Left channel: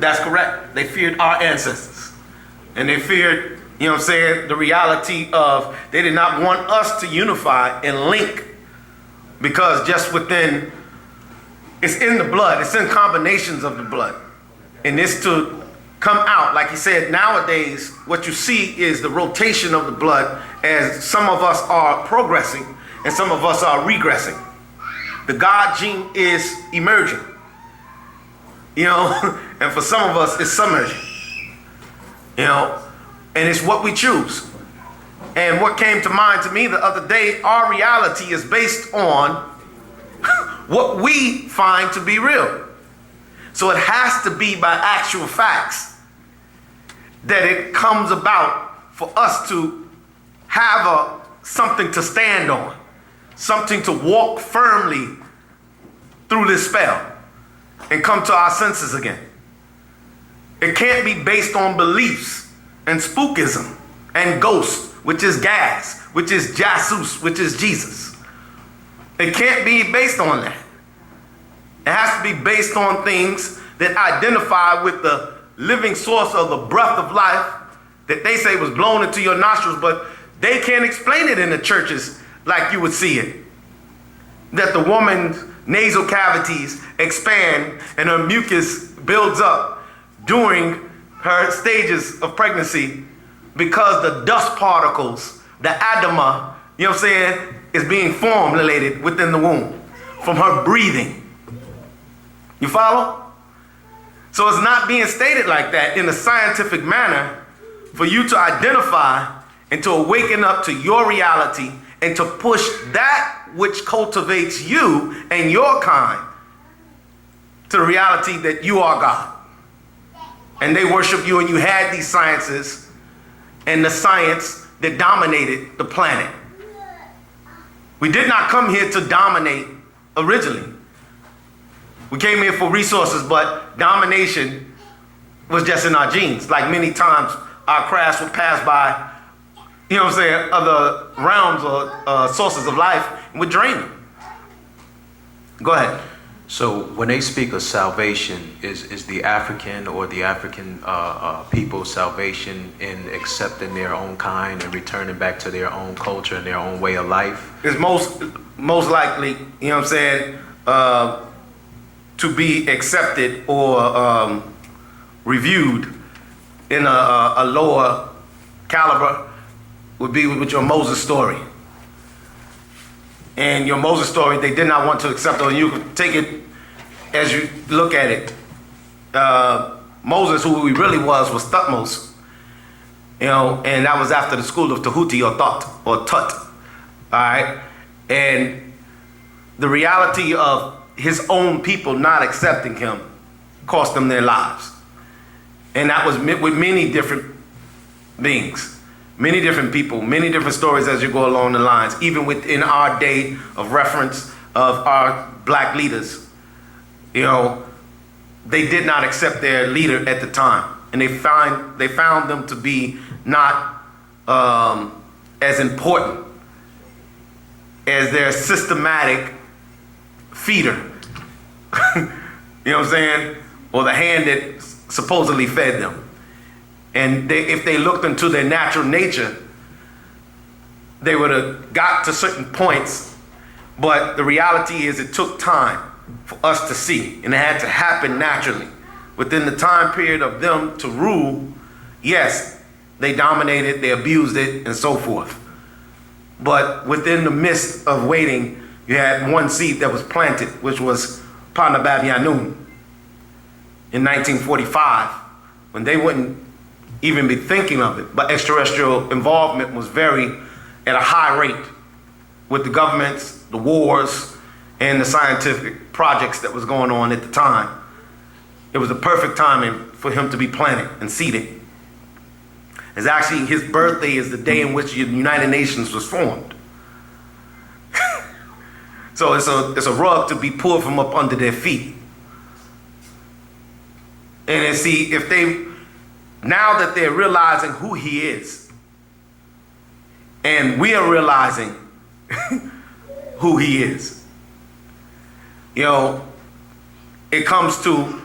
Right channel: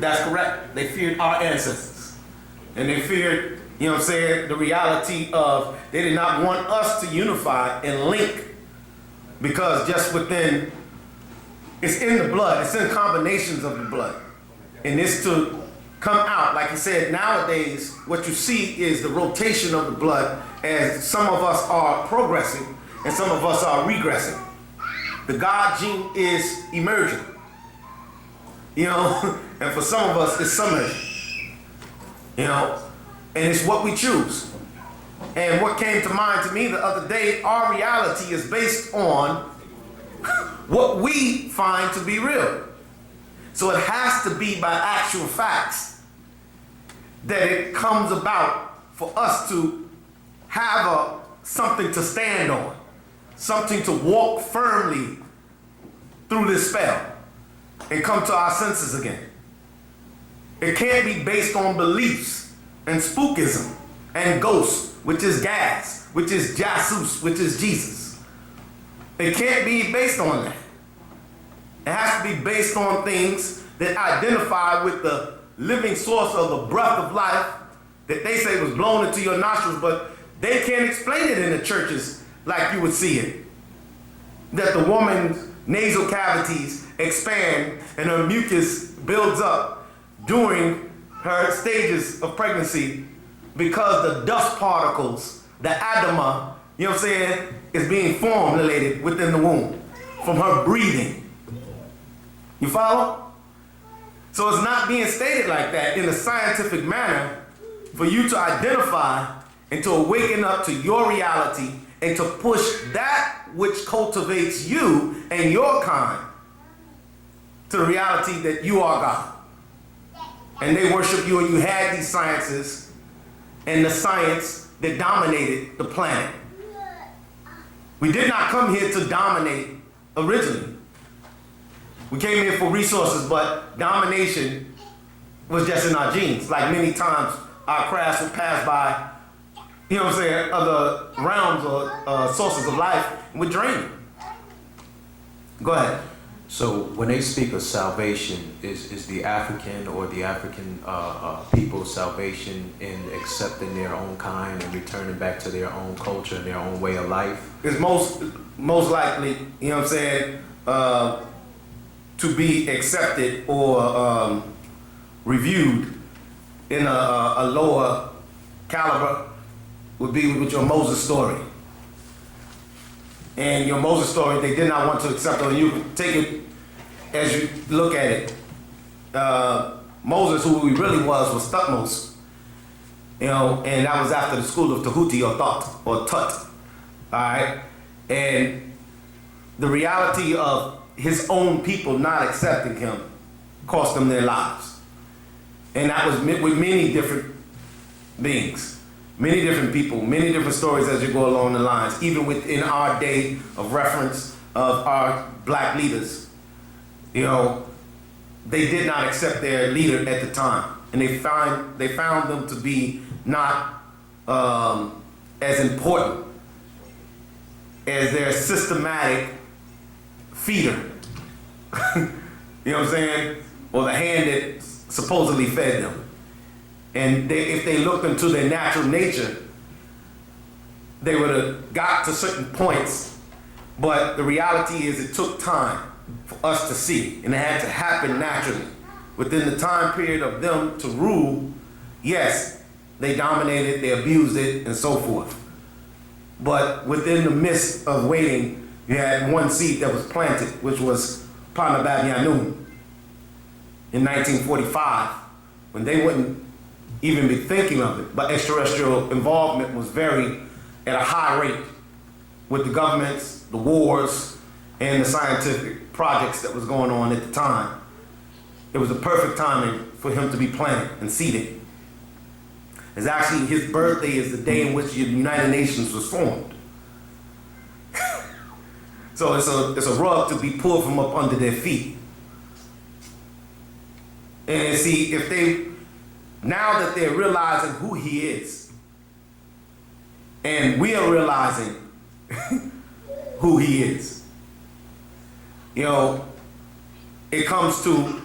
That's correct. They feared our ancestors. And they feared, you know what I'm saying, the reality of they did not want us to unify and link, because just within, it's in the blood, it's in combinations of the blood. And this to come out, like he said, nowadays, what you see is the rotation of the blood as some of us are progressing and some of us are regressing. The God gene is emerging, you know, and for some of us it's submerging, you know, and it's what we choose. And what came to mind to me the other day, our reality is based on what we find to be real. So it has to be by actual facts that it comes about for us to have something to stand on, something to walk firmly through this spell and come to our senses again. It can't be based on beliefs and spookism and ghosts, which is gas, which is Jesus, which is Jesus. It can't be based on that. It has to be based on things that identify with the living source of the breath of life that they say was blown into your nostrils, but they can't explain it in the churches like you would see it. That the woman's nasal cavities expand and her mucus builds up during her stages of pregnancy because the dust particles, the adama, you know what I'm saying, is being formulated within the womb from her breathing. You follow? So it's not being stated like that in a scientific manner for you to identify and to awaken up to your reality and to push that which cultivates you and your kind to the reality that you are God. And they worship you, and you had these sciences and the science that dominated the planet. We did not come here to dominate originally. We came here for resources, but domination was just in our genes. Like many times our crafts would pass by, you know what I'm saying, other realms or sources of life, and would drain them. Go ahead. So when they speak of salvation, is the African or the African people's salvation in accepting their own kind and returning back to their own culture and their own way of life? It's most likely, you know what I'm saying, to be accepted or reviewed in a lower caliber would be with your Moses story. And your Moses story, they did not want to accept it. You can take it as you look at it. Moses, who he really was Thutmose. You know, and that was after the school of Tahuti or Thot or Tut. All right? And the reality of his own people not accepting him cost them their lives. And that was with many different beings. Many different people, many different stories as you go along the lines, even within our day of reference of our black leaders. You know, they did not accept their leader at the time. And they found them to be not as important as their systematic feeder. You know what I'm saying? Or the hand that supposedly fed them. And if they looked into their natural nature, they would have got to certain points. But the reality is it took time for us to see. And it had to happen naturally. Within the time period of them to rule, yes, they dominated, they abused it, and so forth. But within the midst of waiting, you had one seed that was planted, which was Panababianun in 1945, when they wouldn't even be thinking of it. But extraterrestrial involvement was at a high rate with the governments, the wars, and the scientific projects that was going on at the time. It was the perfect timing for him to be planted and seeded. It's actually, his birthday is the day in which the United Nations was formed. So it's a rug to be pulled from up under their feet. And see, if now that they're realizing who he is, and we are realizing who he is, you know, it comes to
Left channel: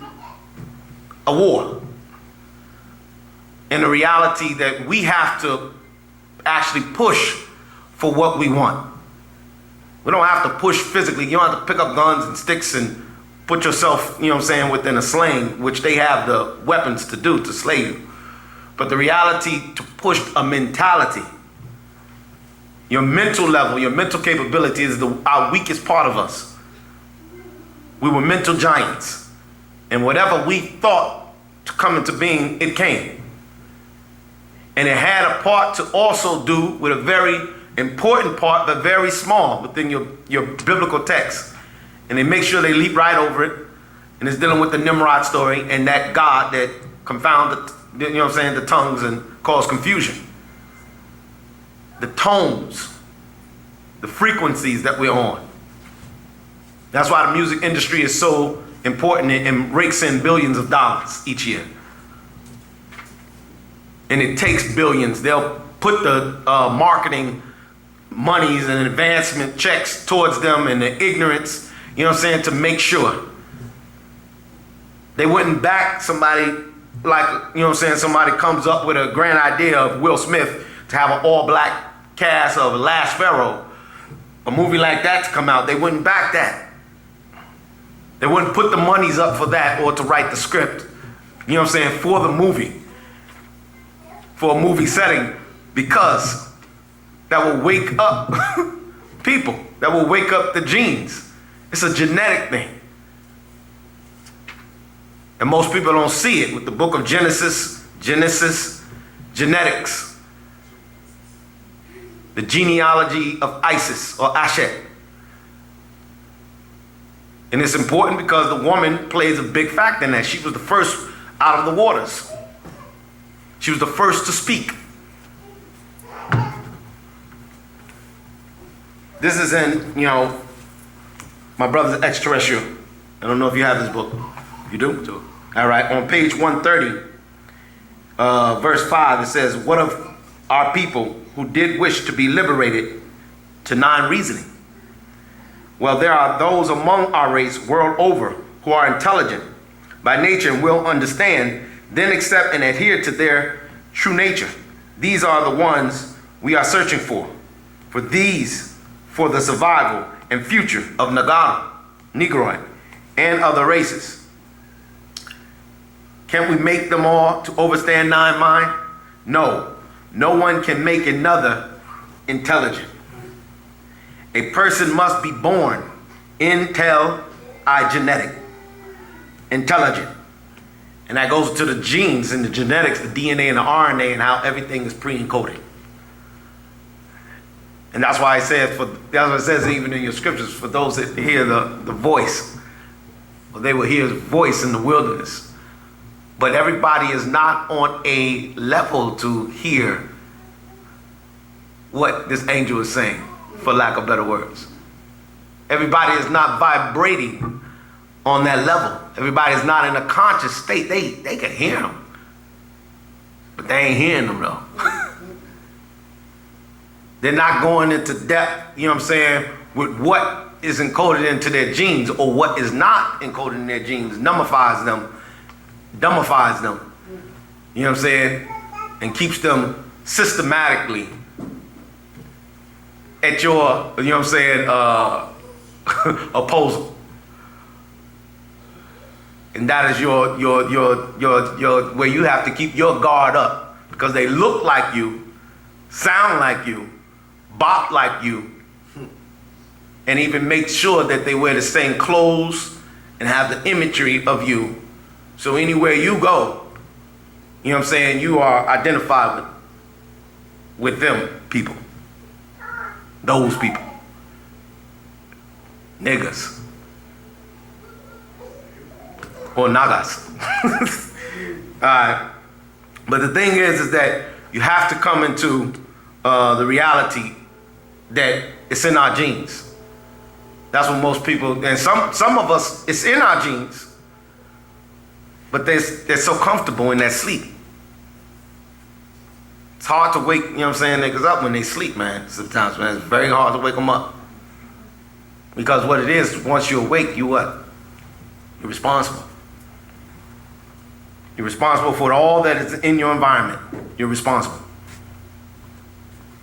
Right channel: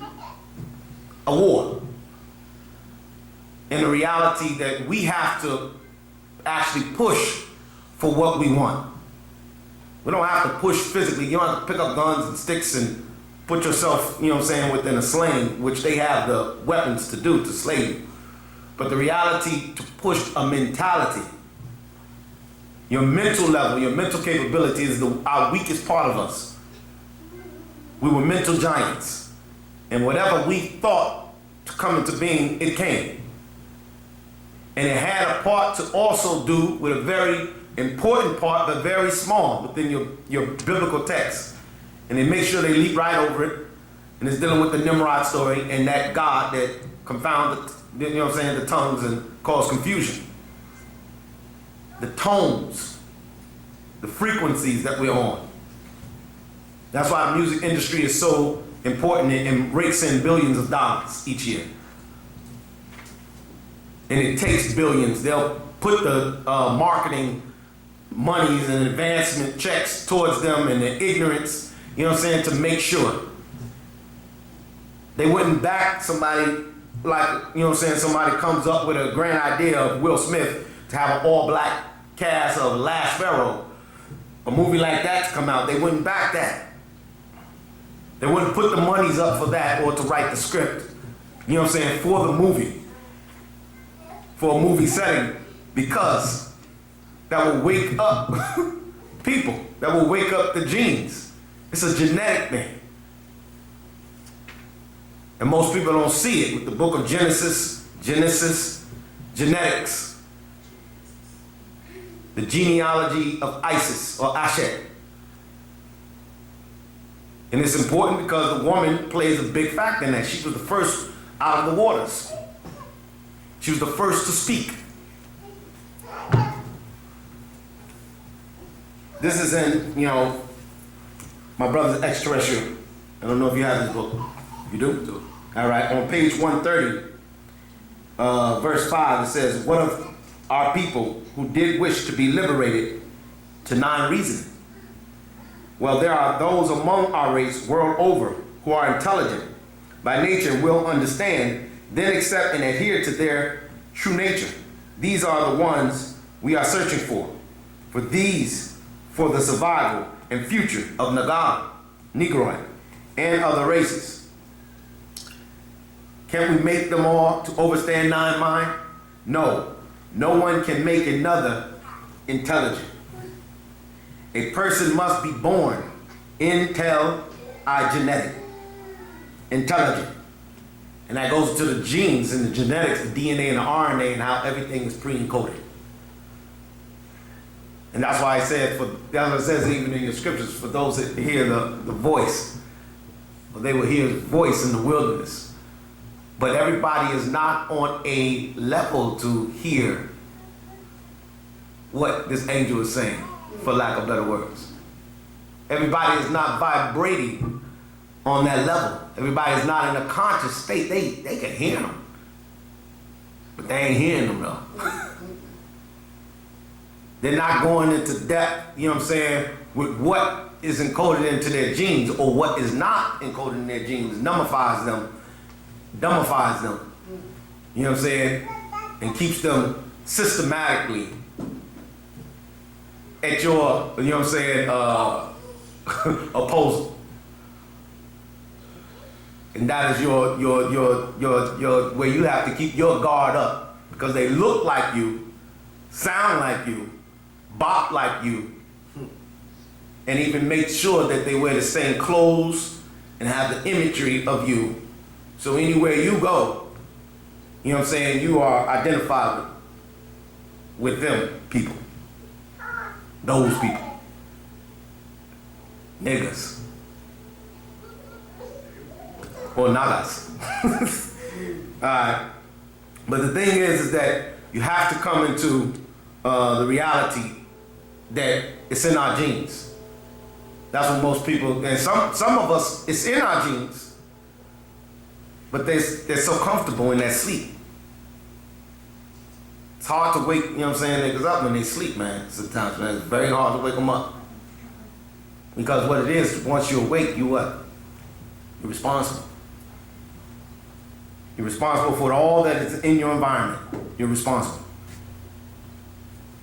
a war. And the reality that we have to actually push for what we want. We don't have to push physically. You don't have to pick up guns and sticks and put yourself, you know what I'm saying, within a sling, which they have the weapons to do to slay you. But the reality to push a mentality, your mental level, your mental capability is our weakest part of us. We were mental giants. And whatever we thought to come into being, it came. And it had a part to also do with a very important part, but very small within your biblical text. And they make sure they leap right over it. And it's dealing with the Nimrod story and that God that confounded, you know what I'm saying, the tongues and caused confusion. The tones, the frequencies that we're on. That's why the music industry is so important and rakes in billions of dollars each year. And it takes billions. They'll put the marketing monies and advancement checks towards them and the ignorance, you know what I'm saying, to make sure. They wouldn't back somebody like, you know what I'm saying, somebody comes up with a grand idea of Will Smith to have an all-black cast of Last Pharaoh, a movie like that to come out. They wouldn't back that. They wouldn't put the monies up for that or to write the script, you know what I'm saying, for the movie, for a movie setting, because that will wake up people, that will wake up the genes. It's a genetic thing. And most people don't see it with the book of Genesis, genetics, the genealogy of Isis or Ashet. And it's important because the woman plays a big factor in that. She was the first out of the waters. She was the first to speak. This is in, you know, my brother's Extraterrestrial. I don't know if you have this book. You do? All right, on page 130, verse 5, it says, what of our people who did wish to be liberated to non-reasoning? Well, there are those among our race world over who are intelligent by nature and will understand, then accept and adhere to their true nature. These are the ones we are searching for the survival and future of Nagara, Negroid, and other races. Can we make them all to overstand nine mind? No. No one can make another intelligent. A person must be born genetic, intelligent. And that goes to the genes and the genetics, the DNA and the RNA, and how everything is pre-encoded. And that's why it says, that's what it says even in your scriptures, for those that hear the voice, or they will hear his voice in the wilderness. But everybody is not on a level to hear what this angel is saying, for lack of better words. Everybody is not vibrating on that level. Everybody is not in a conscious state. They can hear him, but they ain't hearing them though. They're not going into depth, you know what I'm saying, with what is encoded into their genes, or what is not encoded in their genes, dummifies them, you know what I'm saying, and keeps them systematically at your, you know what I'm saying, opposal. And that is your where you have to keep your guard up, because they look like you, sound like you, bop like you, and even make sure that they wear the same clothes and have the imagery of you. So anywhere you go, you know what I'm saying, you are identified with them people. Those people. Niggas. Or nagas. Alright. But the thing is that you have to come into the reality that it's in our genes. That's what most people, and some of us, it's in our genes, but they're so comfortable in that sleep. It's hard to wake, you know what I'm saying, niggas up when they sleep, man. Sometimes, man, it's very hard to wake them up. Because what it is, once you're awake, you what? You're responsible. You're responsible for all that is in your environment. You're responsible.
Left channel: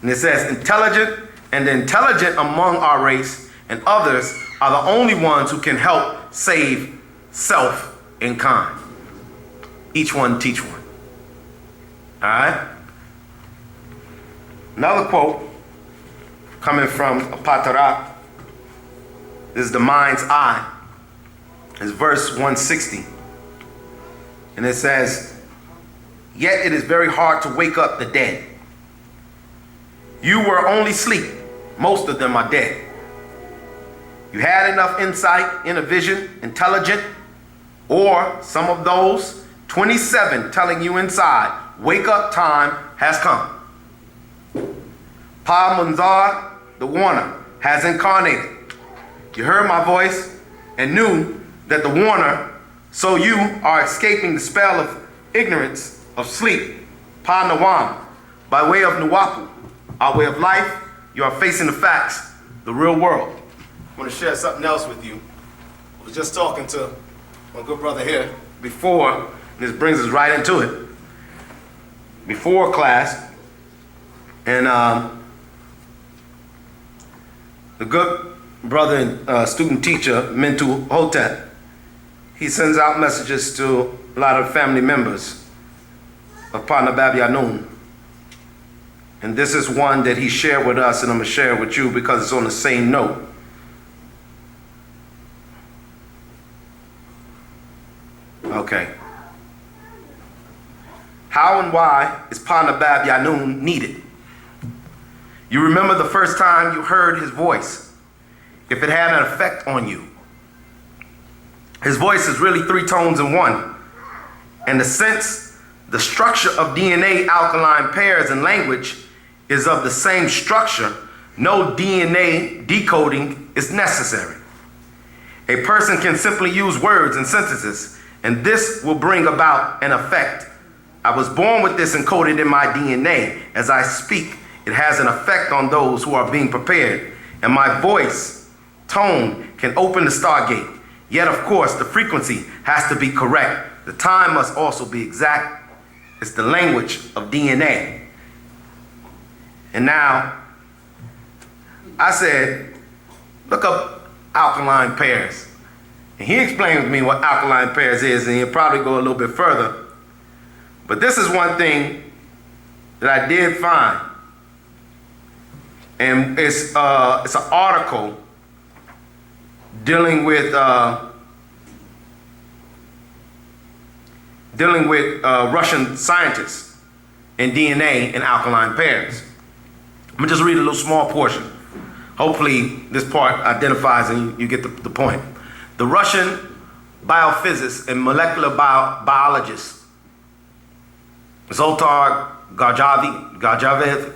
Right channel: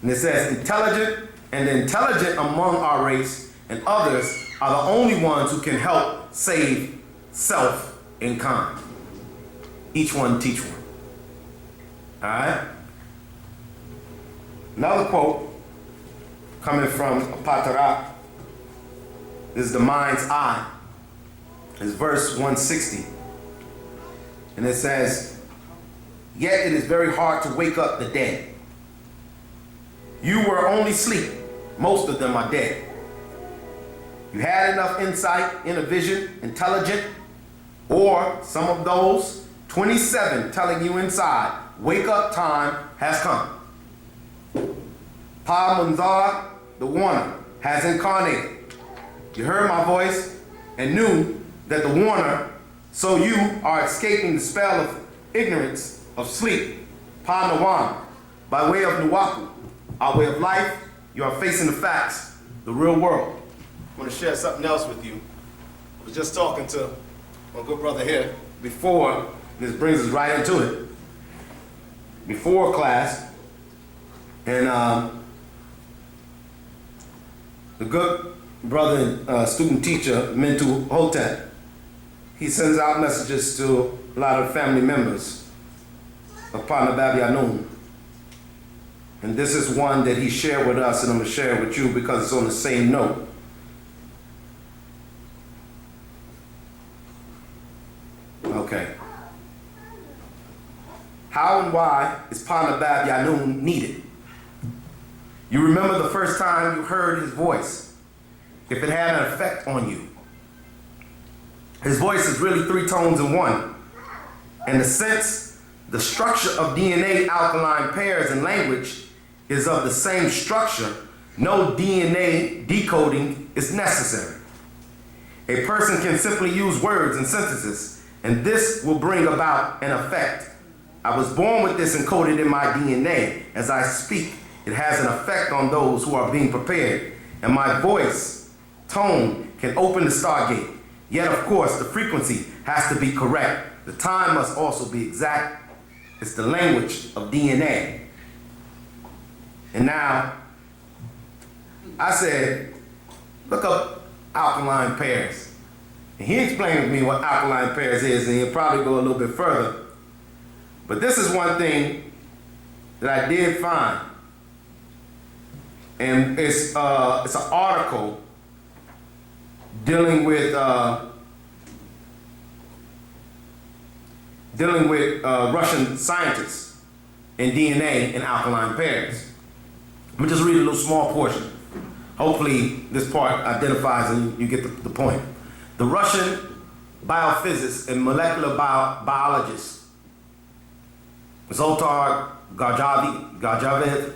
And it says, intelligent, and the intelligent among our race and others are the only ones who can help save self and kind. Each one teach one. All right? Another quote coming from Pt.2. This is the mind's eye. It's verse 160. And it says, yet it is very hard to wake up the dead. You were only asleep. Most of them are dead. You had enough insight, inner vision, intelligent, or some of those 27 telling you inside, wake up time has come. Pa Munzar, the warner, has incarnated. You heard my voice and knew that the warner, so you are escaping the spell of ignorance, of sleep, Pa Nawam, by way of Nuwaupu, our way of life. You are facing the facts, the real world. I want to share something else with you. I was just talking to my good brother here before, and this brings us right into it. Before class, and the good brother and student teacher, Mentu Hotep, he sends out messages to a lot of family members of Partner Babi Anun. And this is one that he shared with us, and I'm going to share it with you because it's on the same note. Okay. How and why is Partner Babi Anun needed? You remember the first time you heard his voice, if it had an effect on you. His voice is really 3 tones in one. And the structure of DNA alkaline pairs and language is of the same structure, no DNA decoding is necessary. A person can simply use words and sentences, and this will bring about an effect. I was born with this encoded in my DNA. As I speak, it has an effect on those who are being prepared, and my voice, tone, can open the stargate. Yet, of course, the frequency has to be correct. The time must also be exact. It's the language of DNA. And now, I said, look up alkaline pairs. And he explained to me what alkaline pairs is, and he'll probably go a little bit further. But this is one thing that I did find. And it's an article dealing with Russian scientists in DNA and alkaline pairs. I'm gonna just read a little small portion. Hopefully this part identifies and you get the point. The Russian biophysicist and molecular biologist, Zoltar Garjavev,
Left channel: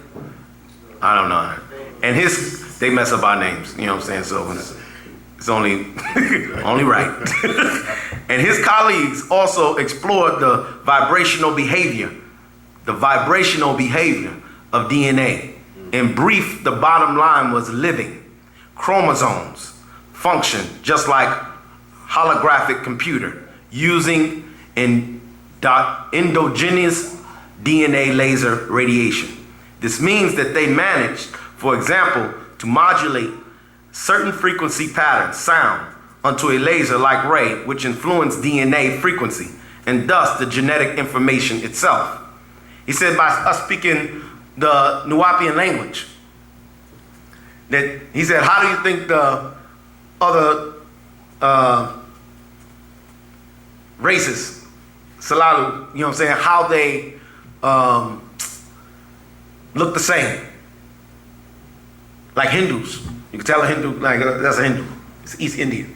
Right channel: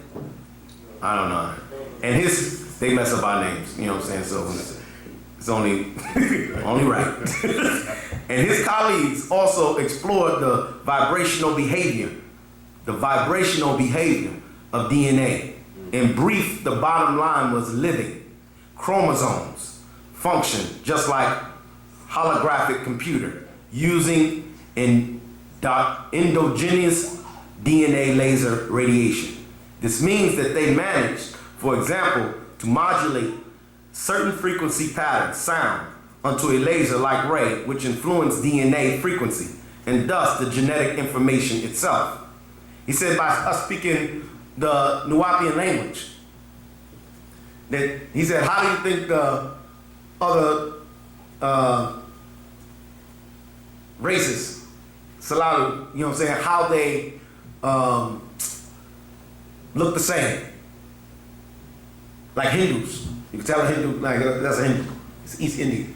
I don't know. And they mess up our names, you know what I'm saying? So it's only right. And his colleagues also explored the vibrational behavior of DNA. In brief, the bottom line was living. Chromosomes function just like holographic computer using endogenous DNA laser radiation. This means that they managed, for example, to modulate certain frequency patterns, sound, onto a laser-like ray which influenced DNA frequency and thus the genetic information itself. He said by us speaking the Nuwapian language, that he said, how do you think the other races, Salalu, you know what I'm saying, how they look the same? Like Hindus. You can tell a Hindu, like that's a Hindu. It's East Indian.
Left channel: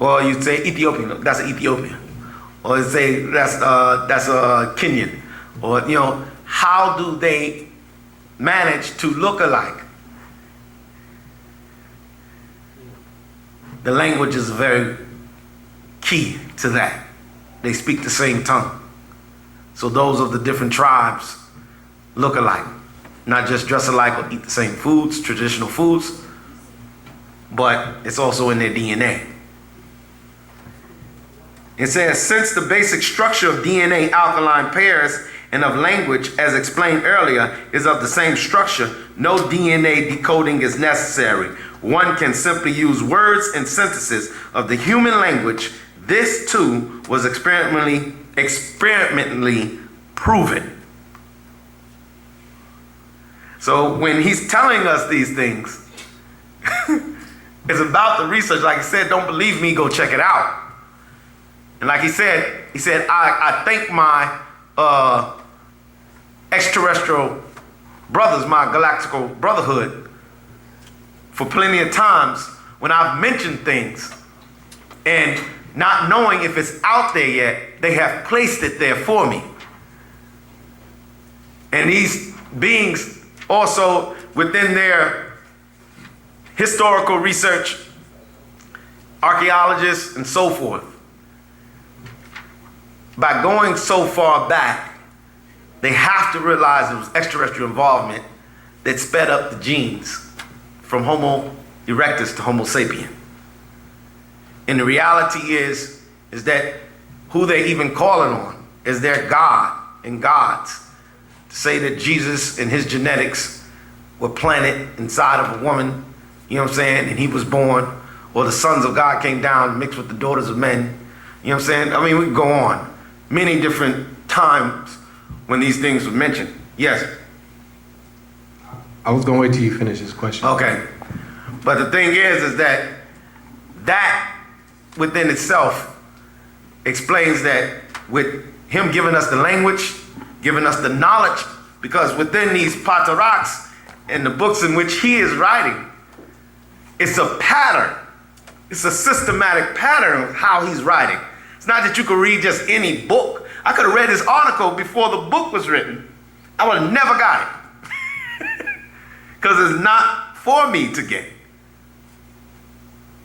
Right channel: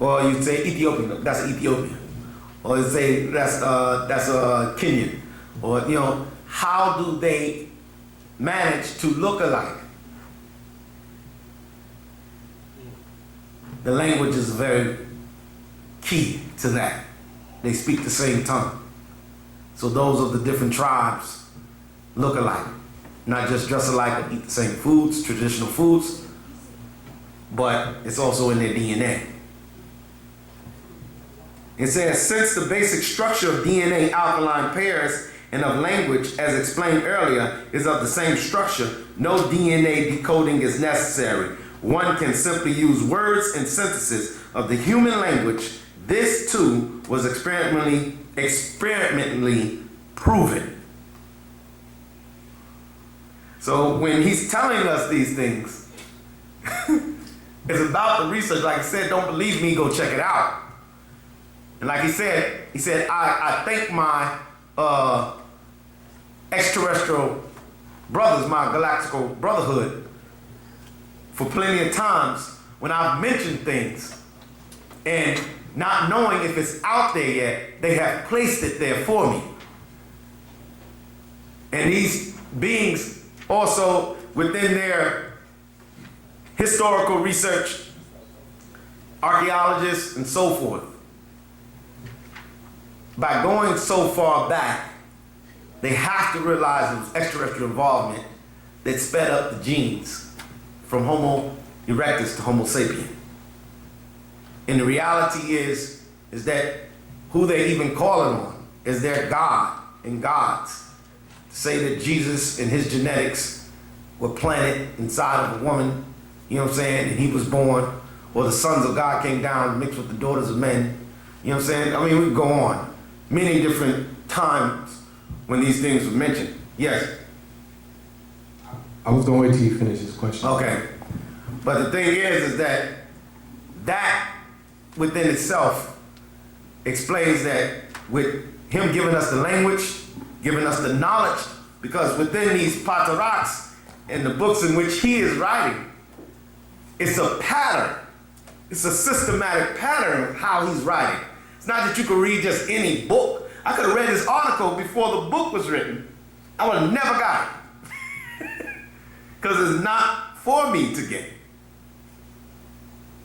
Or you say Ethiopian, that's an Ethiopian. Or you say that's a Kenyan. Or, you know, how do they manage to look alike? The language is very key to that. They speak the same tongue. So those of the different tribes look alike. Not just dress alike or eat the same foods, traditional foods, but it's also in their DNA. It says, since the basic structure of DNA alkaline pairs and of language, as explained earlier, is of the same structure, no DNA decoding is necessary. One can simply use words and sentences of the human language. This too was experimentally proven. So when he's telling us these things, it's about the research. Like I said, don't believe me, go check it out. And like he said, I thank my extraterrestrial brothers, my galactical brotherhood, for plenty of times when I've mentioned things and not knowing if it's out there yet, they have placed it there for me. And these beings also, within their historical research, archaeologists and so forth, by going so far back, they have to realize it was extraterrestrial involvement that sped up the genes from Homo erectus to Homo sapien. And the reality is that who they even calling on is their God and gods. To say that Jesus and his genetics were planted inside of a woman, you know what I'm saying, and he was born, or the sons of God came down mixed with the daughters of men, you know what I'm saying? I mean, we can go on. Many different times when these things were mentioned. Yes? I was going to wait till you finish this question. Okay. But the thing is that within itself explains that with him giving us the language, giving us the knowledge, because within these pataraks and the books in which he is writing, it's a pattern. It's a systematic pattern of how he's writing. It's not that you could read just any book. I could have read this article before the book was written. I would have never got it. Because it's not for me to get.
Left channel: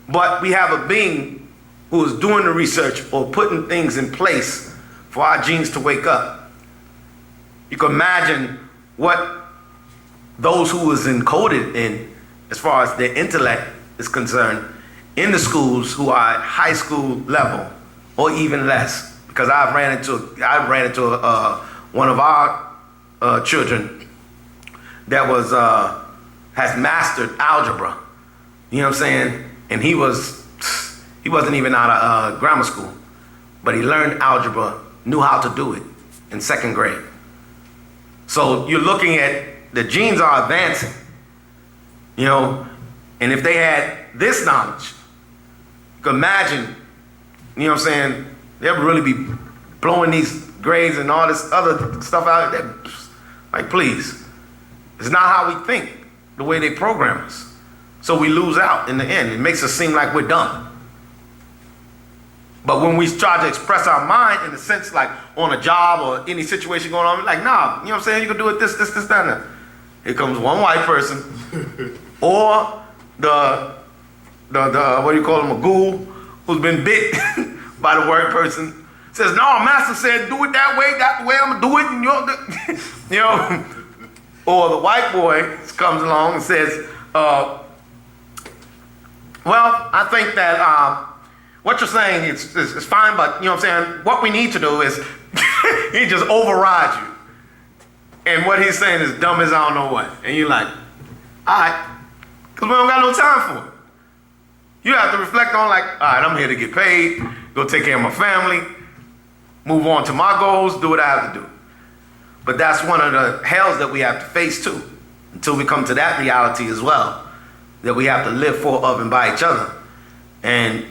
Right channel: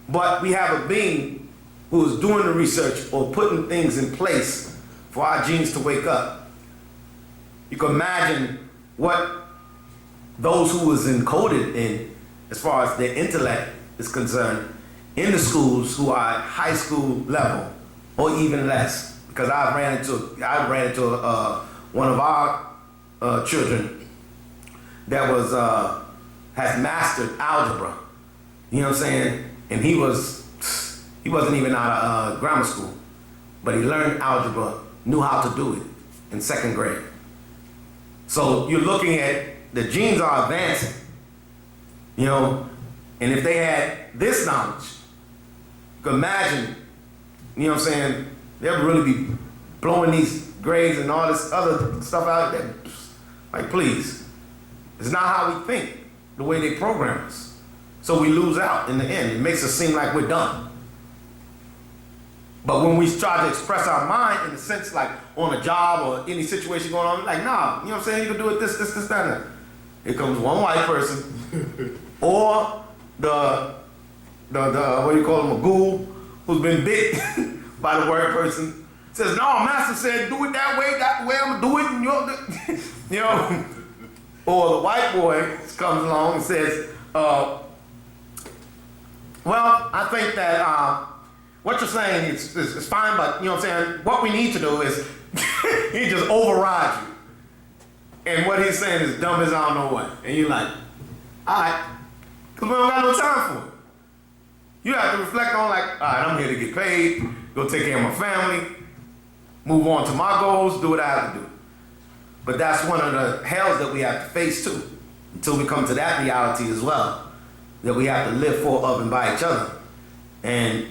But we have a being who is doing the research or putting things in place for our genes to wake up. You can imagine what those who was encoded in, as far as their intellect is concerned, in the schools who are at high school level or even less. Because I ran into one of our children that was has mastered algebra. You know what I'm saying? And he wasn't even out of grammar school, but he learned algebra, knew how to do it in 2nd grade. So you're looking at the genes are advancing, you know, and if they had this knowledge, you can imagine, you know what I'm saying, they'll really be blowing these grades and all this other stuff out there. Like, please. It's not how we think, the way they program us. So we lose out in the end. It makes us seem like we're dumb. But when we try to express our mind in the sense like on a job or any situation going on, like, nah, you know what I'm saying? You can do it this, that. Here comes one white person or the what do you call him, a ghoul who's been bit by the word person. Says, no, master said, do it that way, that's the way I'm gonna do it. And you know, or the white boy comes along and says, well, I think that what you're saying is fine, but you know what I'm saying, what we need to do is he just overrides you. And what he's saying is dumb as I don't know what. And you're like, all right, because we don't got no time for it. You have to reflect on like, all right, I'm here to get paid, go take care of my family, move on to my goals, do what I have to do. But that's one of the hells that we have to face too, until we come to that reality as well, that we have to live for, of, and by each other, and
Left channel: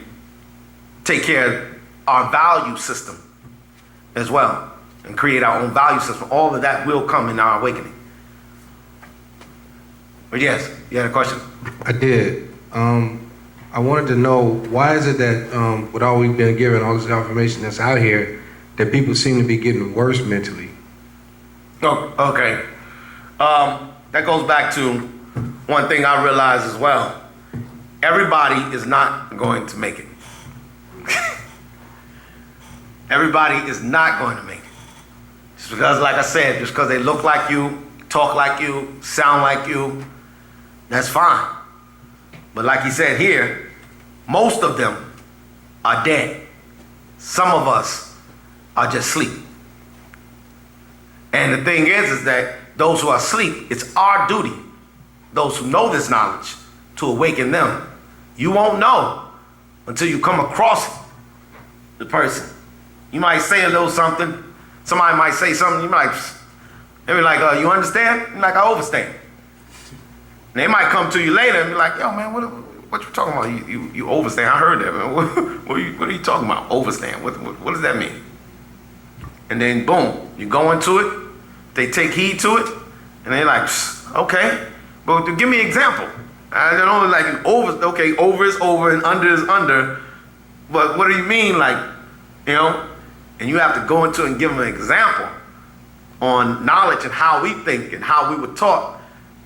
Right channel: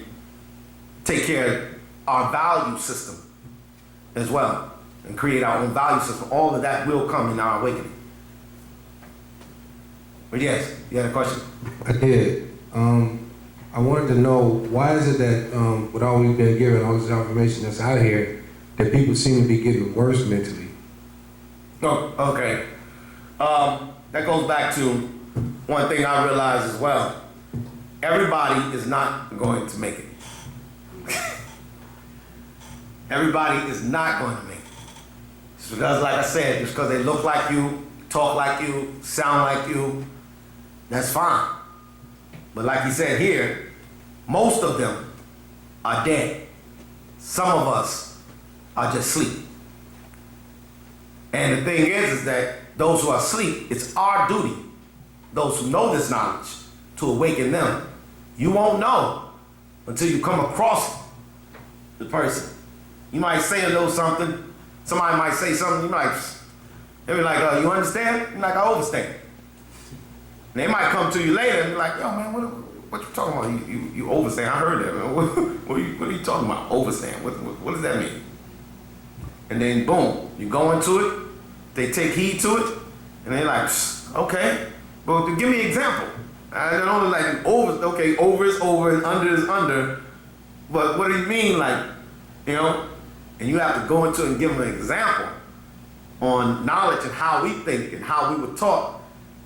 take care of our value system as well, and create our own value system. All of that will come in our awakening. But yes, you had a question? I did. I wanted to know, why is it that with all we've been given, all this information that's out here, that people seem to be getting worse mentally? Oh, okay. That goes back to one thing I realized as well. Everybody is not going to make it. Everybody is not going to make it. Just because, like I said, just because they look like you, talk like you, sound like you, that's fine. But like he said here, most of them are dead. Some of us are just asleep. And the thing is that those who are asleep, it's our duty, those who know this knowledge, to awaken them. You won't know until you come across the person. You might say a little something. Somebody might say something. You might, they be like, you understand? You're like, I overstand. And they might come to you later and be like, yo, man, what you talking about? You overstand. I heard that, man. What are you talking about? Overstand. What does that mean? And then, boom, you go into it. They take heed to it. And they're like, okay. But give me an example. I don't know, like, over is over and under is under. But what do you mean, like, you know? And you have to go into it and give them an example on knowledge and how we think and how we were taught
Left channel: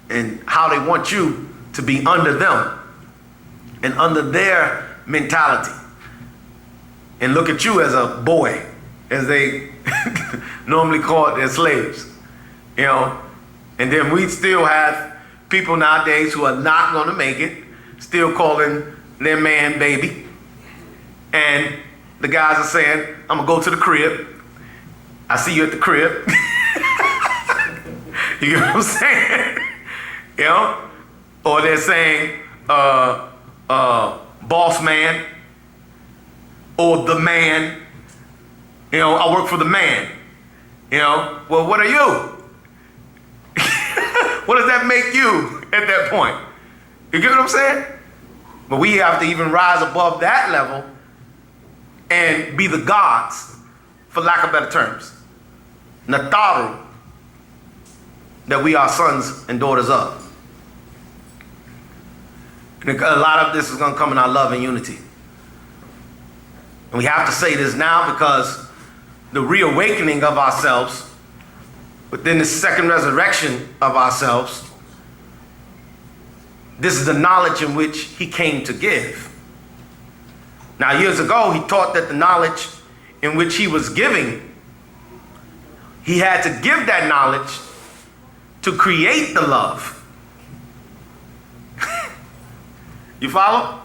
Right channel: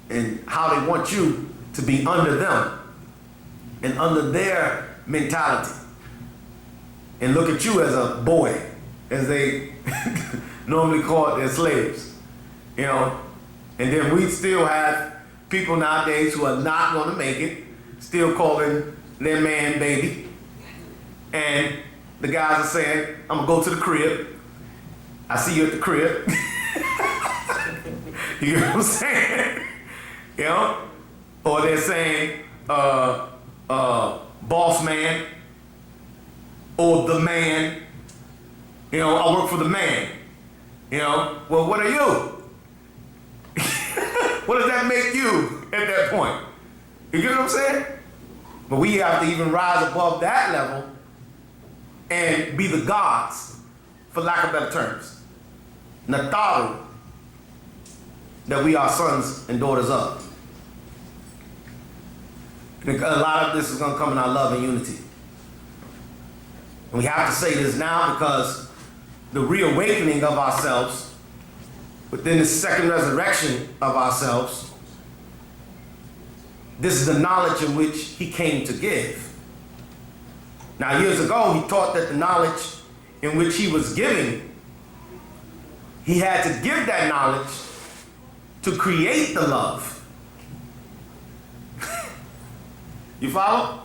and how they want you to be under them and under their mentality. And look at you as a boy, as they normally call it, their slaves, you know. And then we still have people nowadays who are not going to make it, still calling their man baby. And the guys are saying, I'm going to go to the crib. I see you at the crib. You get what I'm saying? You know? Or they're saying, boss man, or the man. You know, I work for the man. You know, well, what are you? What does that make you at that point? You get what I'm saying? But we have to even rise above that level and be the gods, for lack of better terms. Nataru, that we are sons and daughters of. And a lot of this is going to come in our love and unity. And we have to say this now because the reawakening of ourselves within the second resurrection of ourselves, this is the knowledge in which he came to give. Now, years ago, he taught that the knowledge in which he was giving, he had to give that knowledge to create the love. You follow?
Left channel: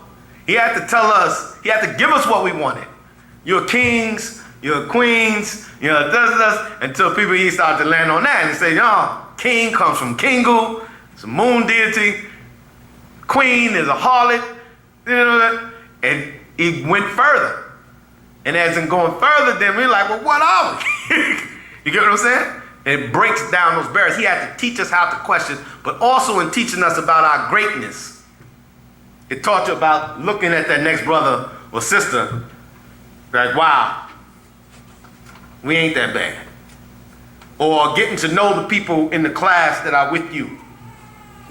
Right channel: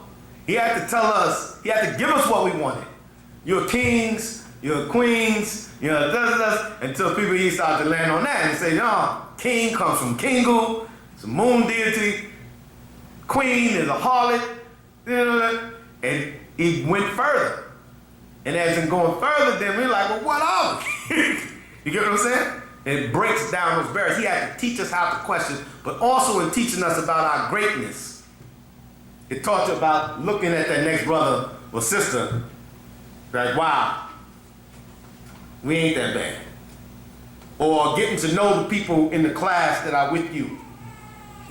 He had to tell us, he had to give us what we wanted. You're kings, you're queens, you're until people start to land on that and say, no, king comes from Kingu, it's a moon deity, queen is a harlot, you know, and he went further. And as in going further, then we're like, well, what are we? You get what I'm saying? And it breaks down those barriers. He had to teach us how to question, but also in teaching us about our greatness. It taught you about looking at that next brother or sister, like, wow, we ain't that bad. Or getting to know the people in the class that are with you.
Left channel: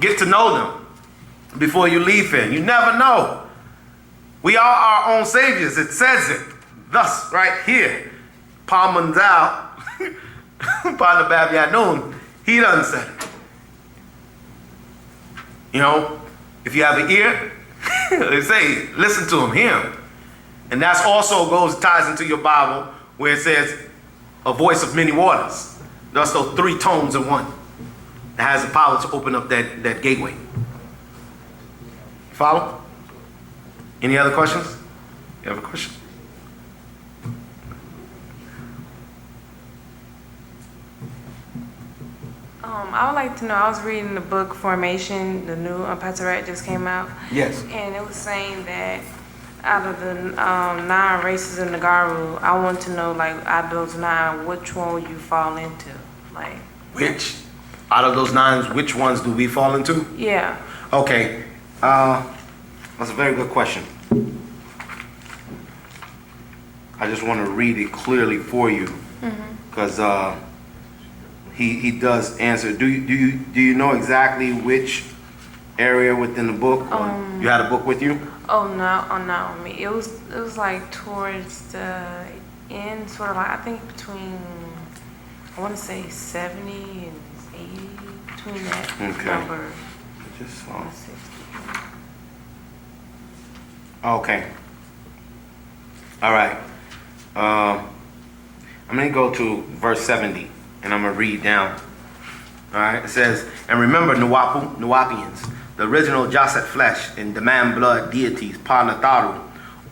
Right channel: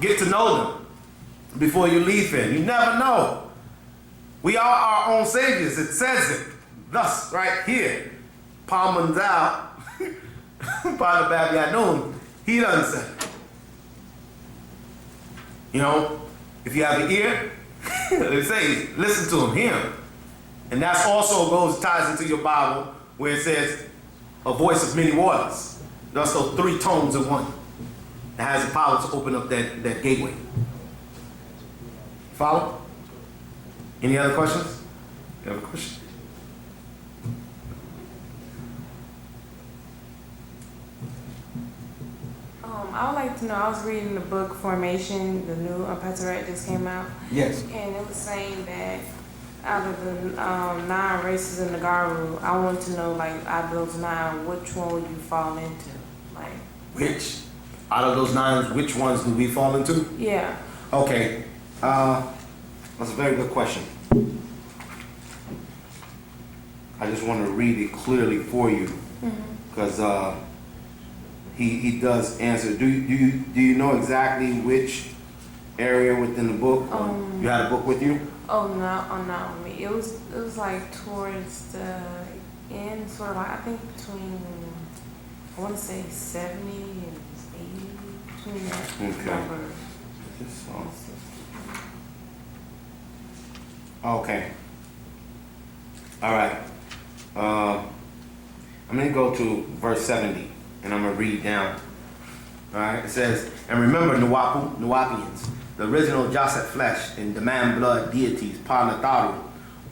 Get to know them before you leave here. You never know. We are our own saviors. It says it. Thus, right here. Palmanzal, Pada Babianun, he done said it. You know, if you have an ear, they say, listen to him, hear him. And that's also ties into your Bible where it says, a voice of many waters. That's those three tones in one. That has the power to open up that gateway. Follow? Any other questions? You have a question? I would like to know, I was reading the book Formation, the new Patarak just came out. Yes. And it was saying that out of the 9 races in the Garu, I want to know, like, out of those 9, which one would you fall into? Like, Which? Out of those 9, which ones do we fall into? yeah. Okay. That's a very good question. I just want to read it clearly for you. Because he does answer. Do you know exactly which area within the book? You had a book with you? Oh no, not on me. It was like towards the end, sort of like I think between, I want to say 70 and 80, between that number. Just 160. Okay. All right. I'm going to go to verse 70, and I'm going to read down. All right. It says, and remember, Wu-nuwapians, the original Jaset flesh and demand blood deities, Pa Nataru,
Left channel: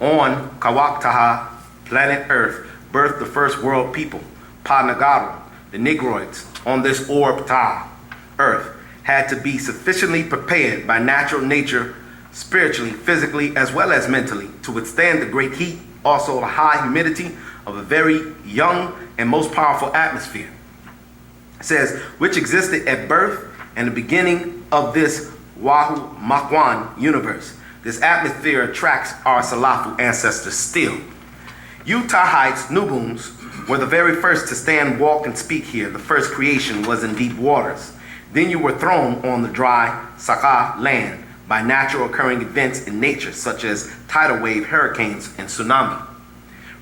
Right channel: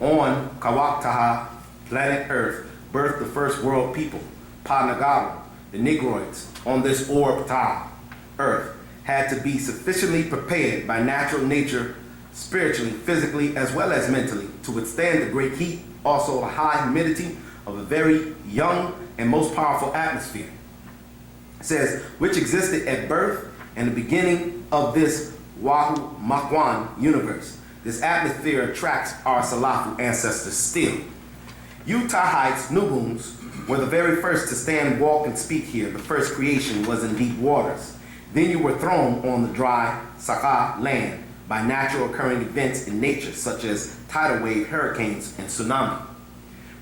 on Kawaktaha planet Earth, birthed the first world people, Pa-Nagaru, the Negroids, on this orb Ta, Earth, had to be sufficiently prepared by natural nature, spiritually, physically, as well as mentally, to withstand the great heat, also the high humidity of a very young and most powerful atmosphere. It says, which existed at birth and the beginning of this Wu-nuwap universe. This atmosphere attracts our Salafu ancestors still. You Tahites, Nubuns, were the very first to stand, walk, and speak here. The first creation was in deep waters. Then you were thrown on the dry Saka land by natural occurring events in nature, such as tidal wave, hurricanes, and tsunami.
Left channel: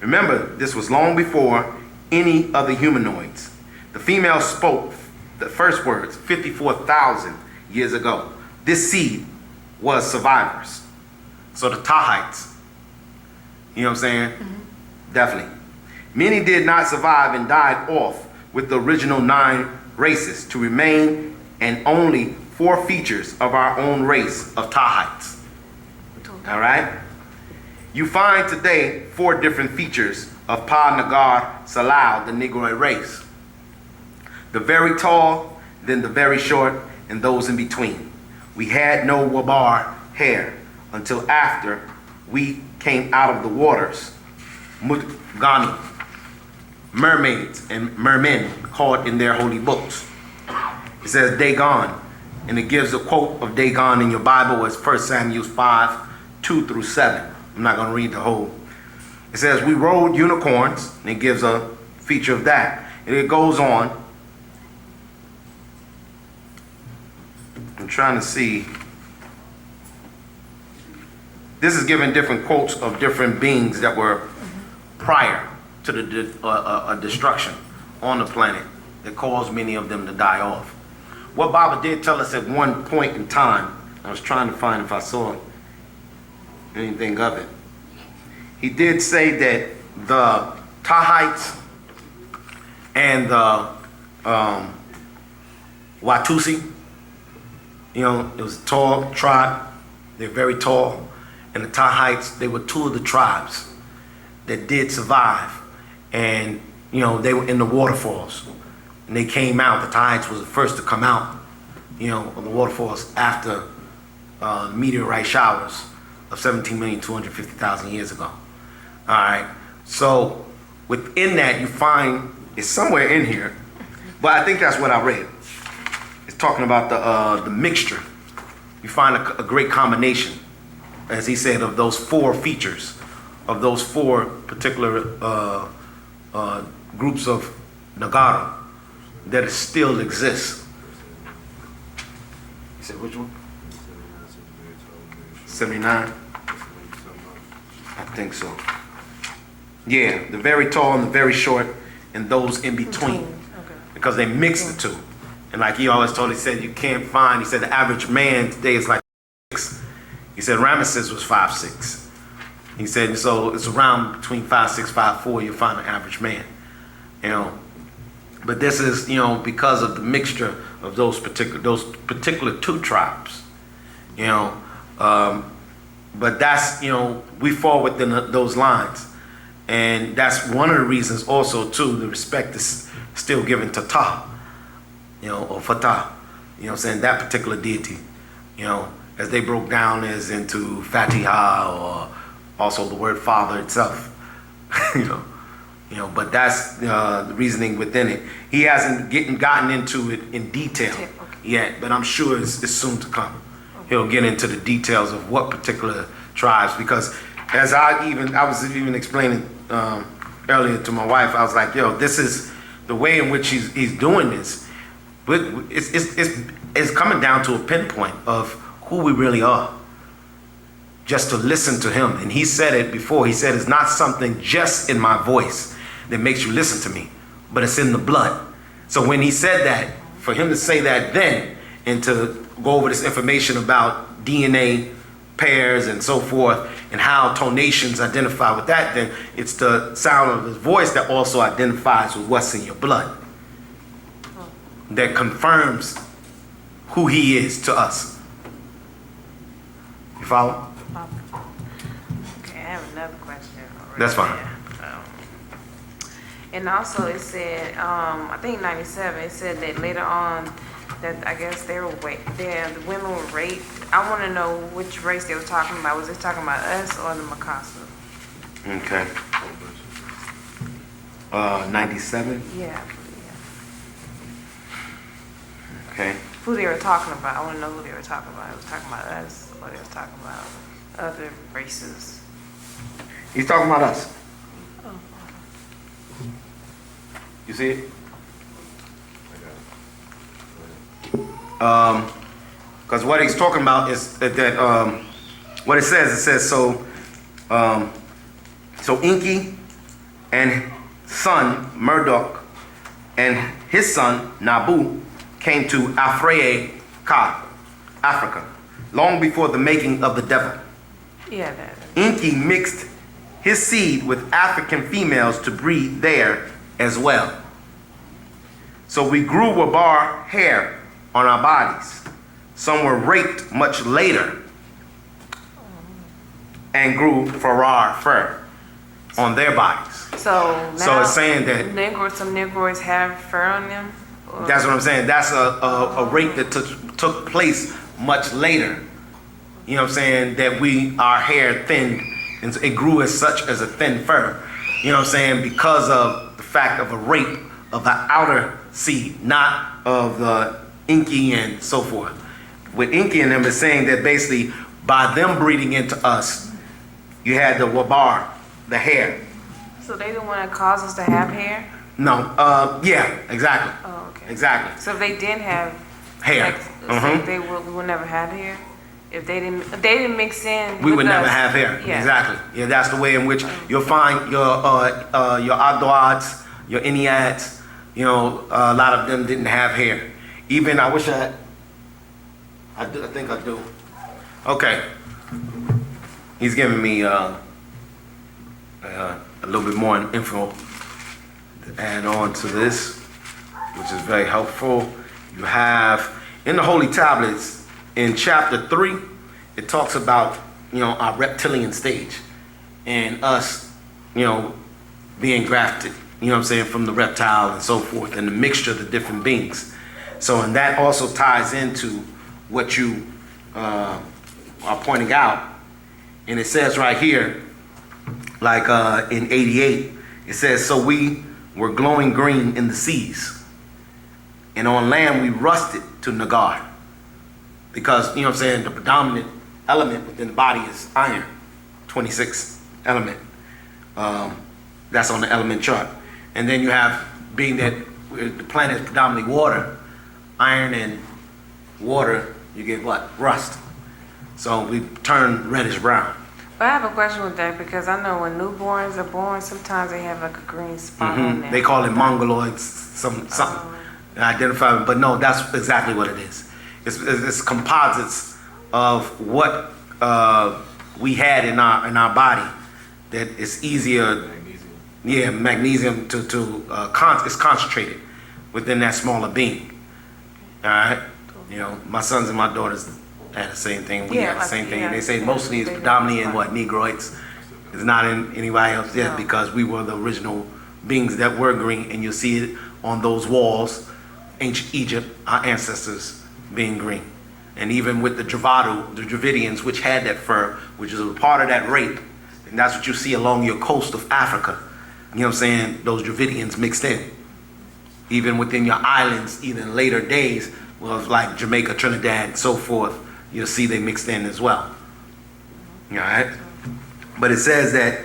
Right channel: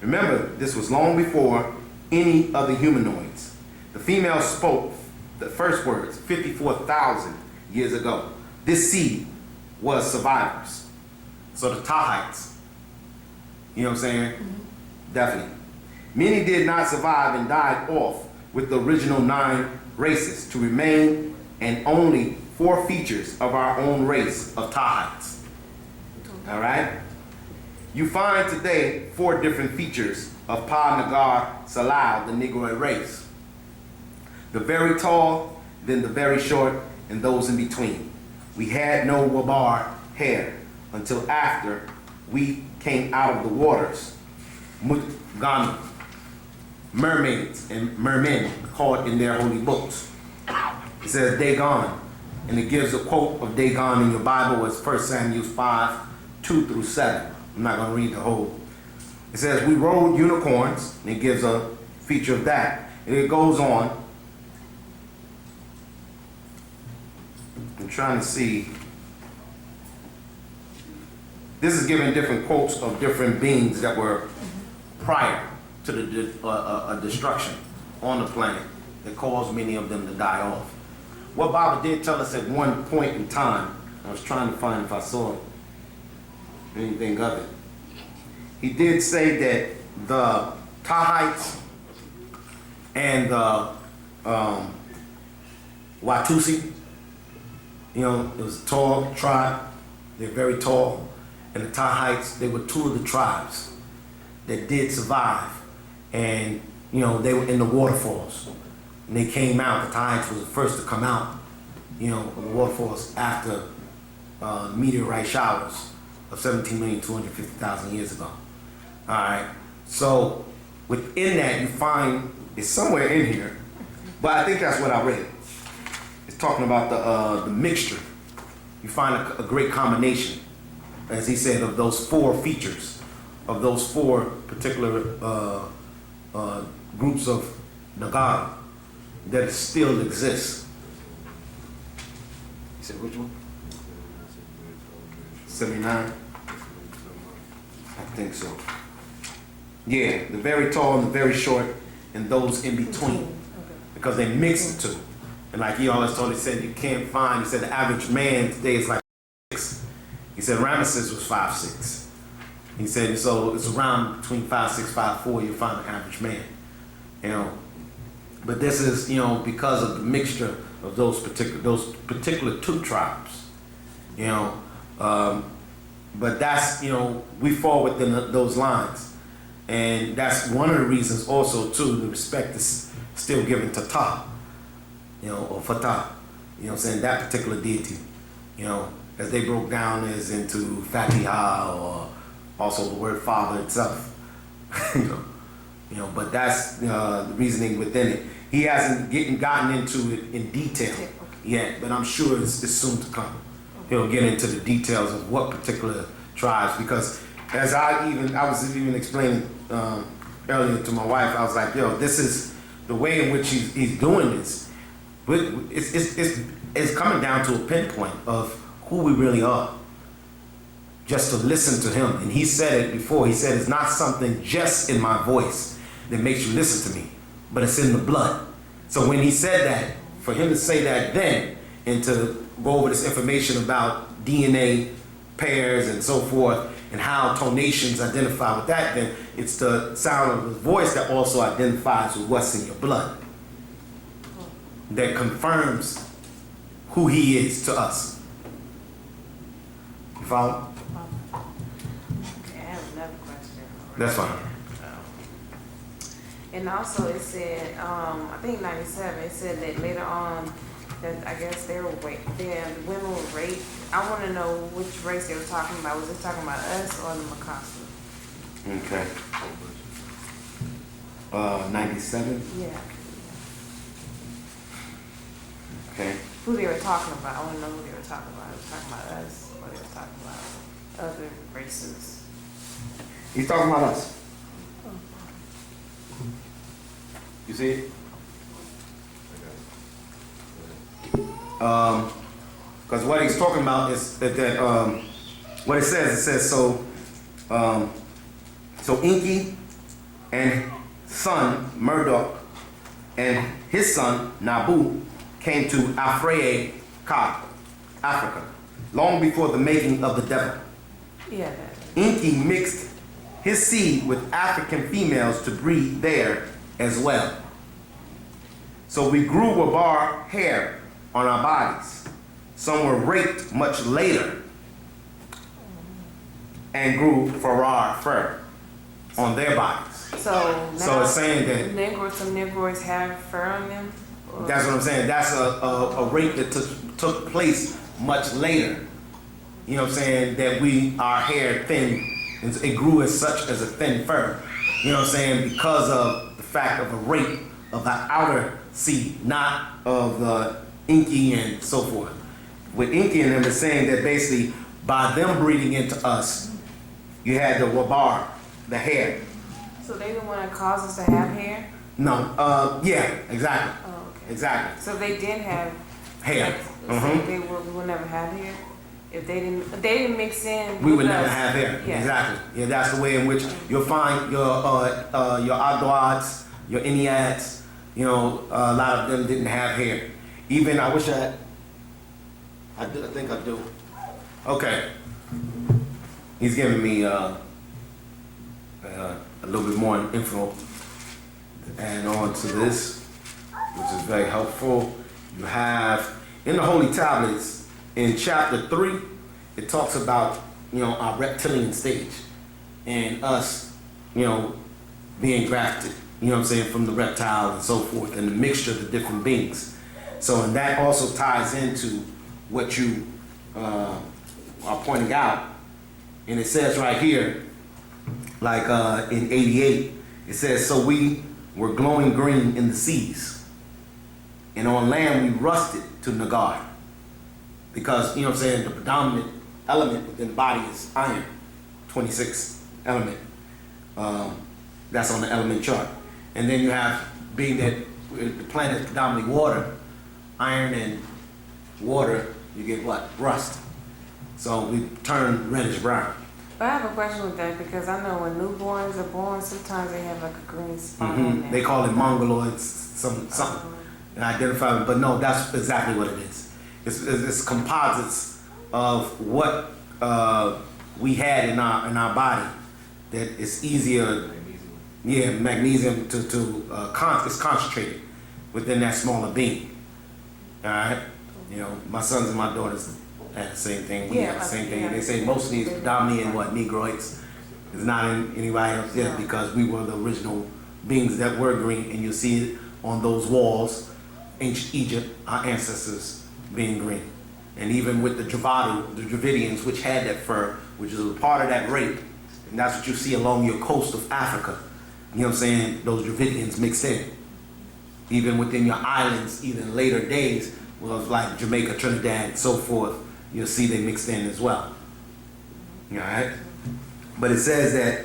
Remember, this was long before any other humanoids. The female spoke the first words 54,000 years ago. This seed was survivors. So the Tahites, you know what I'm saying? Definitely. Many did not survive and died off with the original 9 races to remain, and only 4 features of our own race of Tahites. All right? You find today 4 different features of Pa-Nagar Salau, the Negroid race. The very tall, then the very short, and those in between. We had no wabar hair until after we came out of the waters. Mutgani, mermaids and mermen called in their holy books. It says Dagon, and it gives a quote of Dagon in your Bible as 1 Samuel 5, 2 through 7. I'm not going to read the whole. It says, we rode unicorns, and it gives a feature of that. And it goes on. I'm trying to see. This is giving different quotes of different beings that were prior to the destruction on the planet that caused many of them to die off. What Baba did tell us at one point in time, I was trying to find if I saw anything of it. He did say that the Tahites and the Watusi, you know, it was a tall tribe. They're very tall. And the Tahites, they were 2 of the tribes that did survive. And, you know, they were in the waterfalls. And they came out. The Tahites was the first to come out, you know, of the waterfalls after meteorite showers of 17,250,000 years ago. All right. So within that, you find, it's somewhere in here, but I think that's what I read. It's talking about the mixture. You find a great combination, as he said, of those 4 features, of those 4 particular groups of Nagara that still exists. You said which one? 79? I think so. Yeah, the very tall and the very short, and those in between. Okay. Because they mix the 2. And like he always told, he said, you can't find, he said the average man today is like 6. He said Ramesses was 5'6". He said, so it's around between 5'6", 5'4", you'll find an average man. You know. But this is, you know, because of the mixture of those particular 2 tribes. You know. But that's, you know, we fall within those lines. And that's one of the reasons also, too, the respect is still given to Ta, you know, or Fatah, you know what I'm saying, that particular deity, you know, as they broke down as into Fatiha, or also the word Father itself, you know, but that's the reasoning within it. He hasn't gotten into it in detail yet, but I'm sure it's soon to come. He'll get into the details of what particular tribes, because as I was even explaining earlier to my wife, I was like, yo, this is the way in which he's doing this. But it's coming down to a pinpoint of who we really are. Just to listen to him. And he said it before. He said it's not something just in my voice that makes you listen to me, but it's in the blood. So when he said that, for him to say that then, and to go over this information about DNA pairs and so forth, and how tonations identify with that, then it's the sound of his voice that also identifies with what's in your blood. That confirms who he is to us. You follow? Okay, I have another question. That's fine. And also it said, I think 97, it said that later on, that I guess the women were raped. I want to know which race they were talking about. Was they talking about us or the Mikasa? Okay. 97. Yeah. Okay. Who they were talking about. I want to know who they were talking about. They were talking about us or they were talking about other races. He's talking about us. You see it? Because what he's talking about is that what it says so Inky and son Murdoch and his son Nabu came to Afraye Ka, Africa, long before the making of the devil. Yeah, that. Inky mixed his seed with African females to breed there as well. So we grew Wabar hair on our bodies. Some were raped much later and grew Farrar fur on their bodies. So now So it's saying that some Negroids have fur on them? Or- that's what I'm saying. That's a rape that took place much later. You know what I'm saying? That our hair thinned and it grew as such as a thin fur. You know what I'm saying? Because of the fact of a rape of the outer seed, not of the Inky and so forth. With Inky and them, it's saying that basically by them breeding into us, you had the Wabar, the hair. So they the one that caused us to have hair? No, yeah, exactly. Oh, okay. Exactly. So if they did have Hair. like, so we would never have hair? If they didn't mix in We with would never us. have hair. Yeah. Exactly. Yeah, that's the way in which you'll find your Adwads, your Eniads, you know, a lot of them didn't have hair. Even, I wish I think I do. Okay. He's giving me a little bit more info to add on to this, which is very helpful. You have, in the Holy Tablets, in chapter 3, it talks about, you know, our reptilian stage and us, you know, being grafted, you know what I'm saying, from the reptile and so forth, and the mixture of the different beings. So, and that also ties into what you are pointing out. And it says right here, like in 88, it says, so we were glowing green in the seas, and on land we rusted to Nagar. Because, you know what I'm saying, the predominant element within the body is iron, 26th element. That's on the element chart. And then you have, being that the planet is predominantly water, iron and water, you get what? Rust. So we turn reddish brown. But I have a question with that because I know when newborns are born, sometimes they have like a green spot on there. They call it mongoloids, something identify, but no, that's exactly what it is. It's composites of what we had in our body that it's easier. Yeah, magnesium it's concentrated within that smaller being. All right, you know, my sons and my daughters had the same thing. We had the same thing. They say mostly it's predominantly in what Negroids. It's not in anybody else yet because we were the original beings that were green, and you'll see it on those walls. Ancient Egypt, our ancestors being green, and even with the Dravidians, which had that fur, which is a part of that rape, and that's what you see along your coast of Africa. You know what I'm saying? Those Dravidians mixed in. Even within your islands, even later days, was like Jamaica, Trinidad, and so forth, you'll see they mixed in as well. All right? But it says that,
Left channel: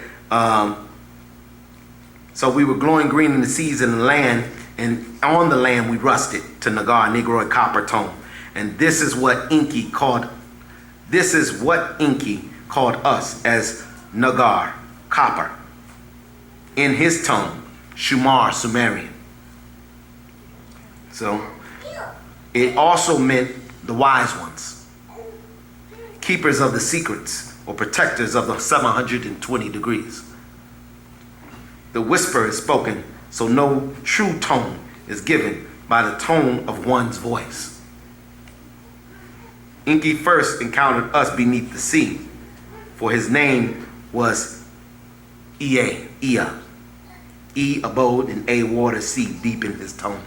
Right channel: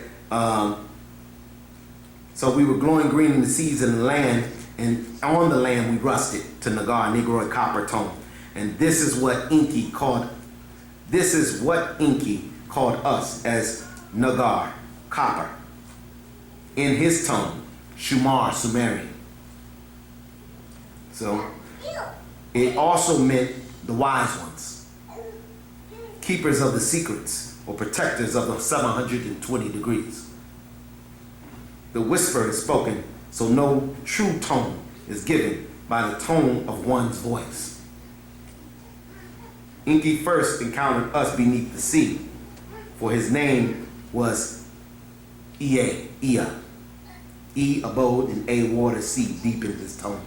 so we were glowing green in the seas and the land, and on the land we rusted to Nagar, Negroid copper tone. And this is what Inky called us as Nagar, copper. In his tongue, Shumar, Sumerian. So it also meant the wise ones, keepers of the secrets, or protectors of the 720 degrees. The whisper is spoken, so no true tone is given by the tone of one's voice. Inky first encountered us beneath the sea, for his name was Ea. E abode, and A water, C deepened his tone.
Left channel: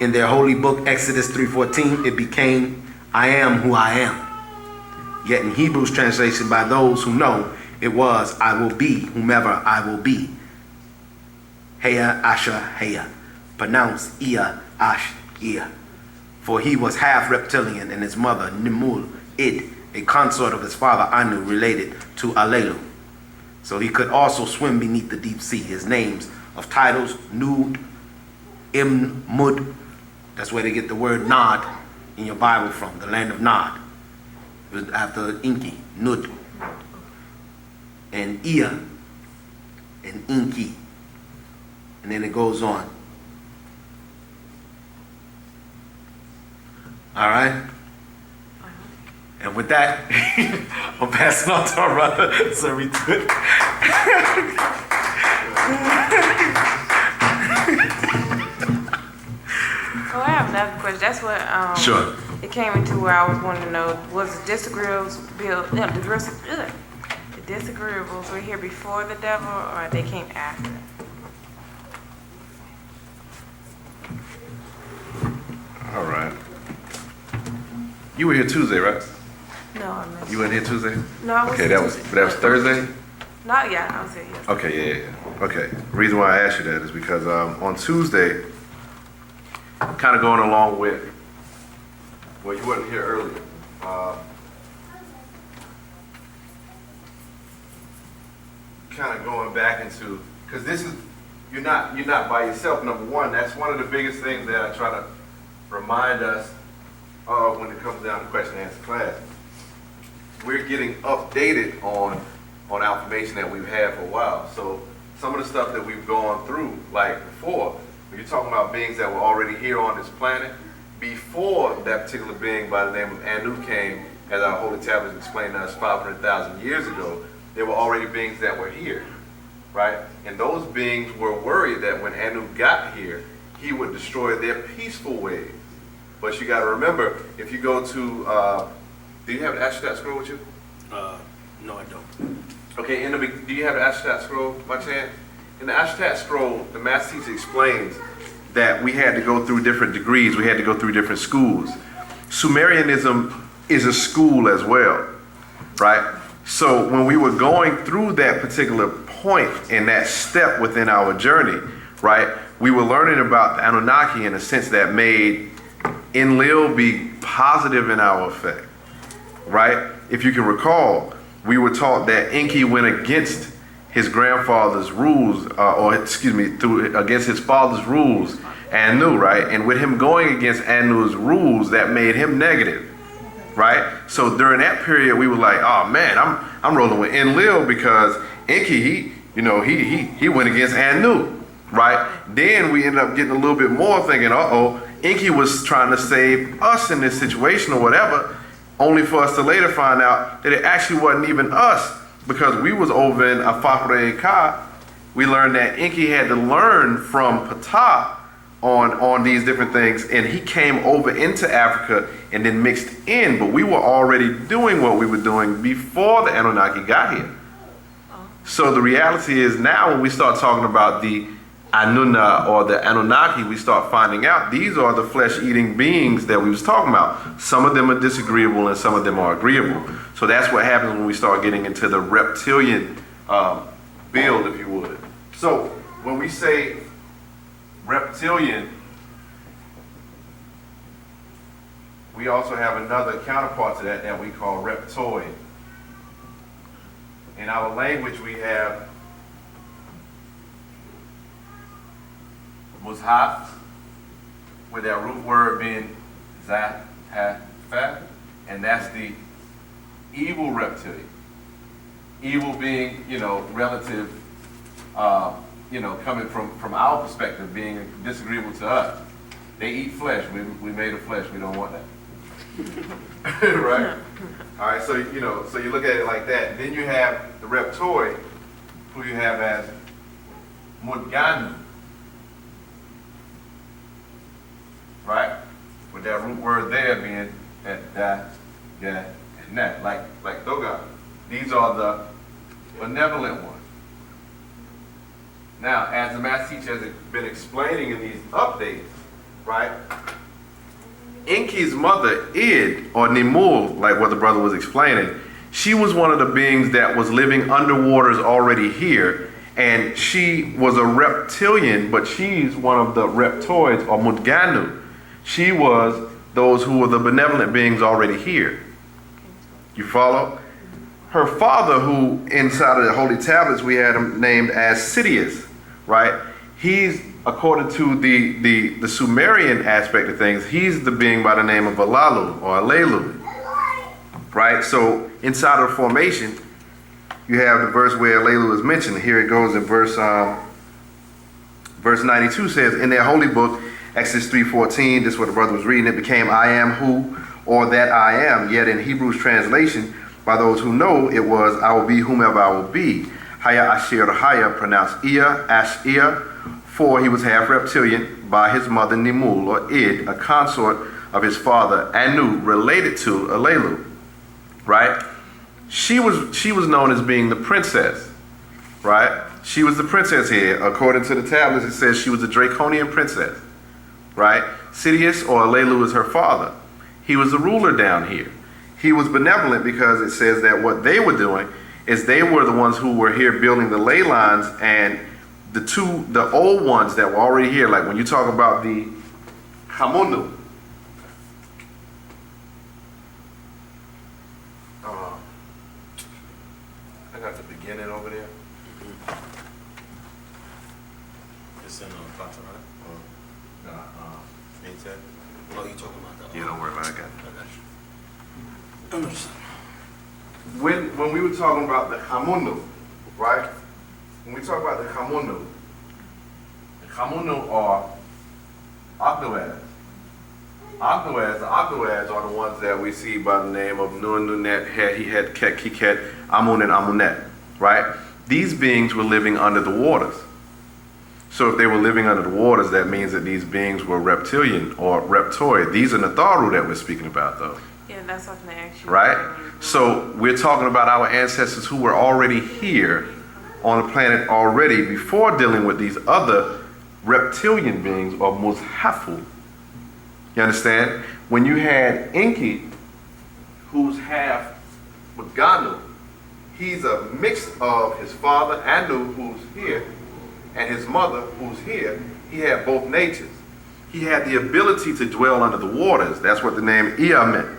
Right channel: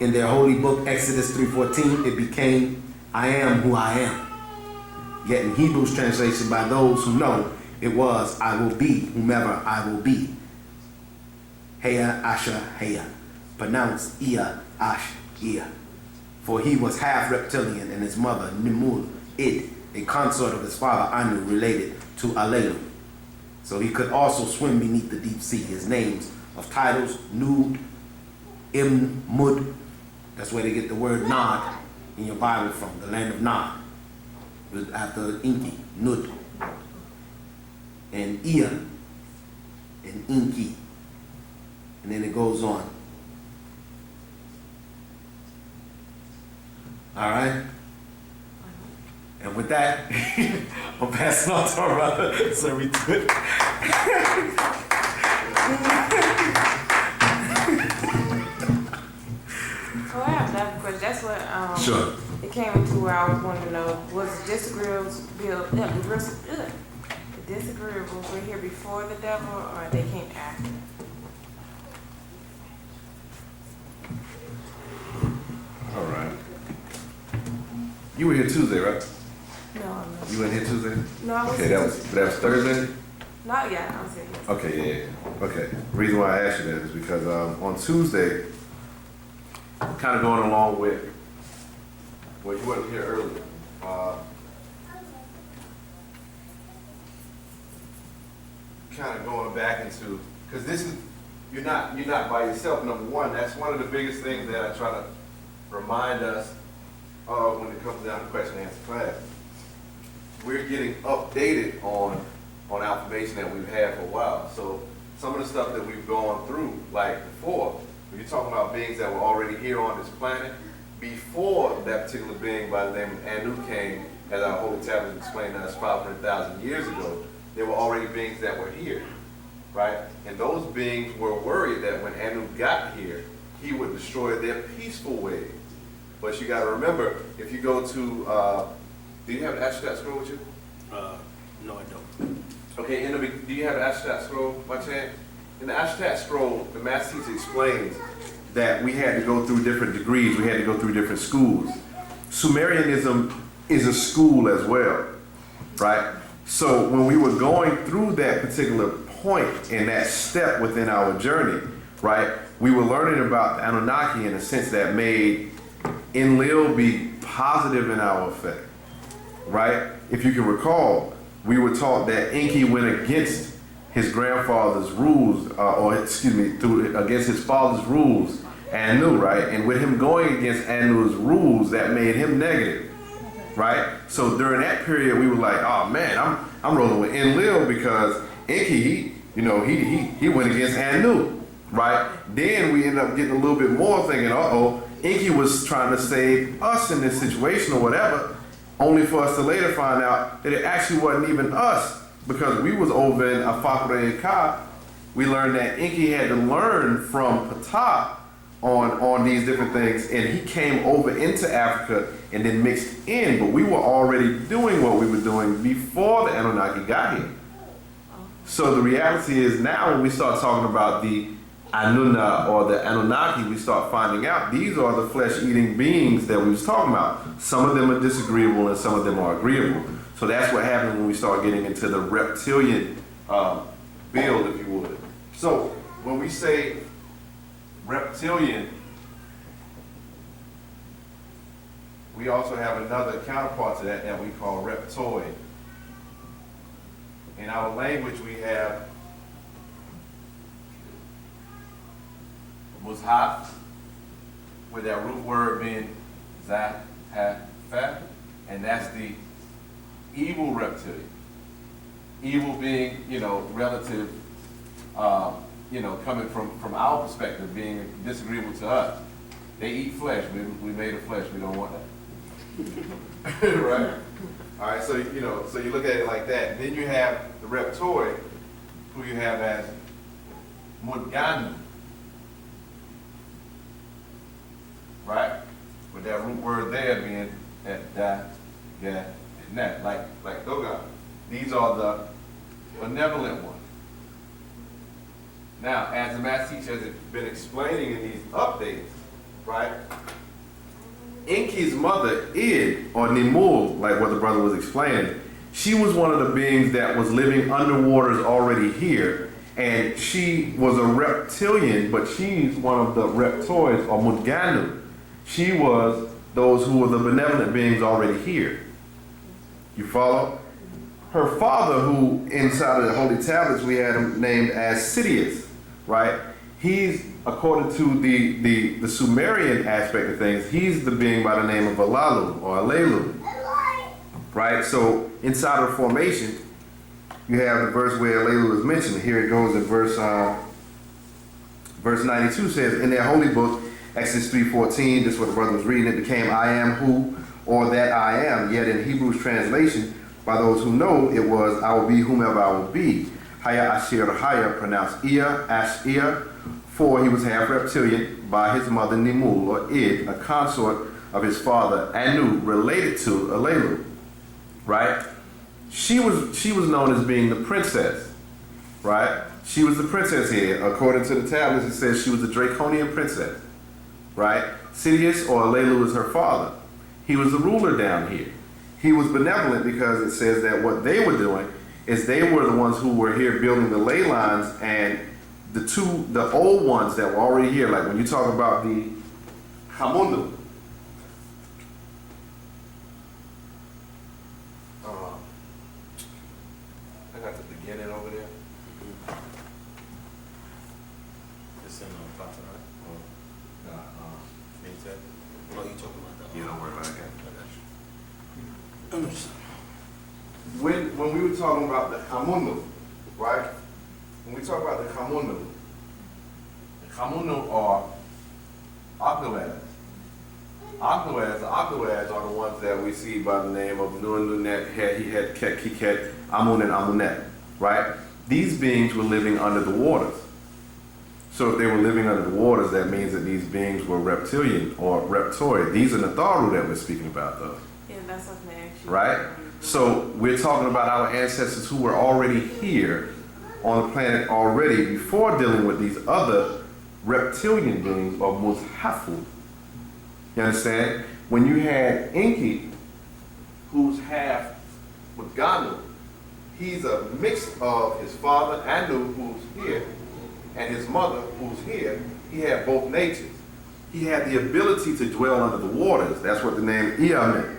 In their holy book, Exodus 3:14, it became, I am who I am. Yet in Hebrew's translation by those who know, it was, I will be whomever I will be. Heya Asher Heya, pronounced Ia Ash Ia. For he was half reptilian, and his mother, Nimul Id, a consort of his father Anu, related to Alelu. So he could also swim beneath the deep sea. His names of titles, Nud, Im, Mud, that's where they get the word Nod in your Bible from, the land of Nod. It was after Inki, Nud, and Ia, and Inki. And then it goes on. All right? And with that, I'm passing on to our brother, Sir Retut. So I have another question. That's what Sure. it came into where I was wanting to know, was the disagreeables the disagreeables were here before the devil, or they came after? All right. You were here Tuesday, right? No, I missed. You weren't here Tuesday? No, I was. Okay, that was Thursday? Not yet. I was here yesterday. Okay, yeah. Okay. Reason why I asked you that is because on Tuesday, kind of going along with, well, you weren't here earlier. Kind of going back into, because this is, you're not by yourself. Number one, that's one of the biggest things that I try to remind us of when it comes down to question and answer class. We're getting updated on our information that we've had for a while. So some of the stuff that we've gone through, like before, when you're talking about beings that were already here on this planet, before that particular being by the name of Anu came, as our holy tablets explained to us 500,000 years ago, there were already beings that were here, right? And those beings were worried that when Anu got here, he would destroy their peaceful ways. But you got to remember, if you go to, do you have an Ashtat scroll with you? No, I don't. Okay, do you have an Ashtat scroll by chance? In the Ashtat scroll, the master teacher explains that we had to go through different degrees, we had to go through different schools. Sumerianism is a school as well, right? So when we were going through that particular point and that step within our journey, right, we were learning about the Anunnaki in a sense that made Enlil be positive in our effect, right? If you can recall, we were taught that Enki went against his grandfather's rules, against his father's rules, Anu, right? And with him going against Anu's rules, that made him negative, right? So during that period, we were like, oh man, I'm rolling with Enlil because Enki, he went against Anu, right? Then we ended up getting a little bit more thinking, Enki was trying to save us in this situation or whatever, only for us to later find out that it actually wasn't even us, because we was over in Afakre Ka. We learned that Enki had to learn from Ptah on these different things, and he came over into Africa and then mixed in, but we were already doing what we were doing before the Anunnaki got here. So the reality is now when we start talking about the Anunna or the Anunnaki, we start finding out these are the flesh-eating beings that we was talking about. Some of them are disagreeable and some of them are agreeable. So that's what happens when we start getting into the reptilian build, if you would. So when we say reptilian, we also have another counterpart to that we call reptoid. In our language, we have Mushaf, with that root word being Zat, Ha, Fa, and that's the evil reptilian. Evil being, relative, coming from our perspective, being disagreeable to us. They eat flesh. We made of flesh. We don't want that. Right? All right, so you look at it like that. Then you have the reptoid, who you have as Mudganu. Right? With that root word there being at da, ga, and that, like Dogon. These are the benevolent ones. Now, as the math teacher has been explaining in these updates, right? Enki's mother, Id, or Nimul, like what the brother was explaining, she was one of the beings that was living underwaters already here, and she was a reptilian, but she's one of the reptoids, or Mudganu. She was those who were the benevolent beings already here. You follow? Her father, who inside of the holy tablets we had him named as Sidious, right? He's, according to the Sumerian aspect of things, he's the being by the name of Alalu or Alelu, right? So inside of the formation, you have the verse where Alelu is mentioned. Here it goes in verse 92 says, in their holy book, Exodus 3:14, this is what the brother was reading, it became I am who, or that I am. Yet in Hebrew's translation, by those who know, it was I will be whomever I will be. Haya Ashir Haya, pronounced Ia, Ashir, for he was half reptilian by his mother Nimul, or Id, a consort of his father Anu, related to Alelu, right? She was known as being the princess, right? She was the princess here. According to the tablets, it says she was a draconian princess, right? Sidious, or Alelu, is her father. He was the ruler down here. He was benevolent because it says that what they were doing is they were the ones who were here building the ley lines, and the old ones that were already here, like when you talk about the Hamundu, I got the beginning over there. It's in Pata, right? Ain't that? Oh, you talking about that? Yeah, don't worry about it. I got it. I got you. When we were talking about the Hamundu, right? When we talk about the Hamundu are Agnoads. The Agnoads are the ones that we see by the name of Wu-nuwap, He-het, Ket, Kiket, Amun, and Amunet, right? These beings were living under the waters. So if they were living under the waters, that means that these beings were reptilian or reptoid. These are Natharu that we're speaking about, though. Yeah, that's something actually. Right? So we're talking about our ancestors who were already here on the planet already before dealing with these other reptilian beings or Muzhafu. You understand? When you had Enki, who's half Mudganu, he's a mix of his father, Anu, who's here, and his mother, who's here. He had both natures. He had the ability to dwell under the waters. That's what the name Ea meant.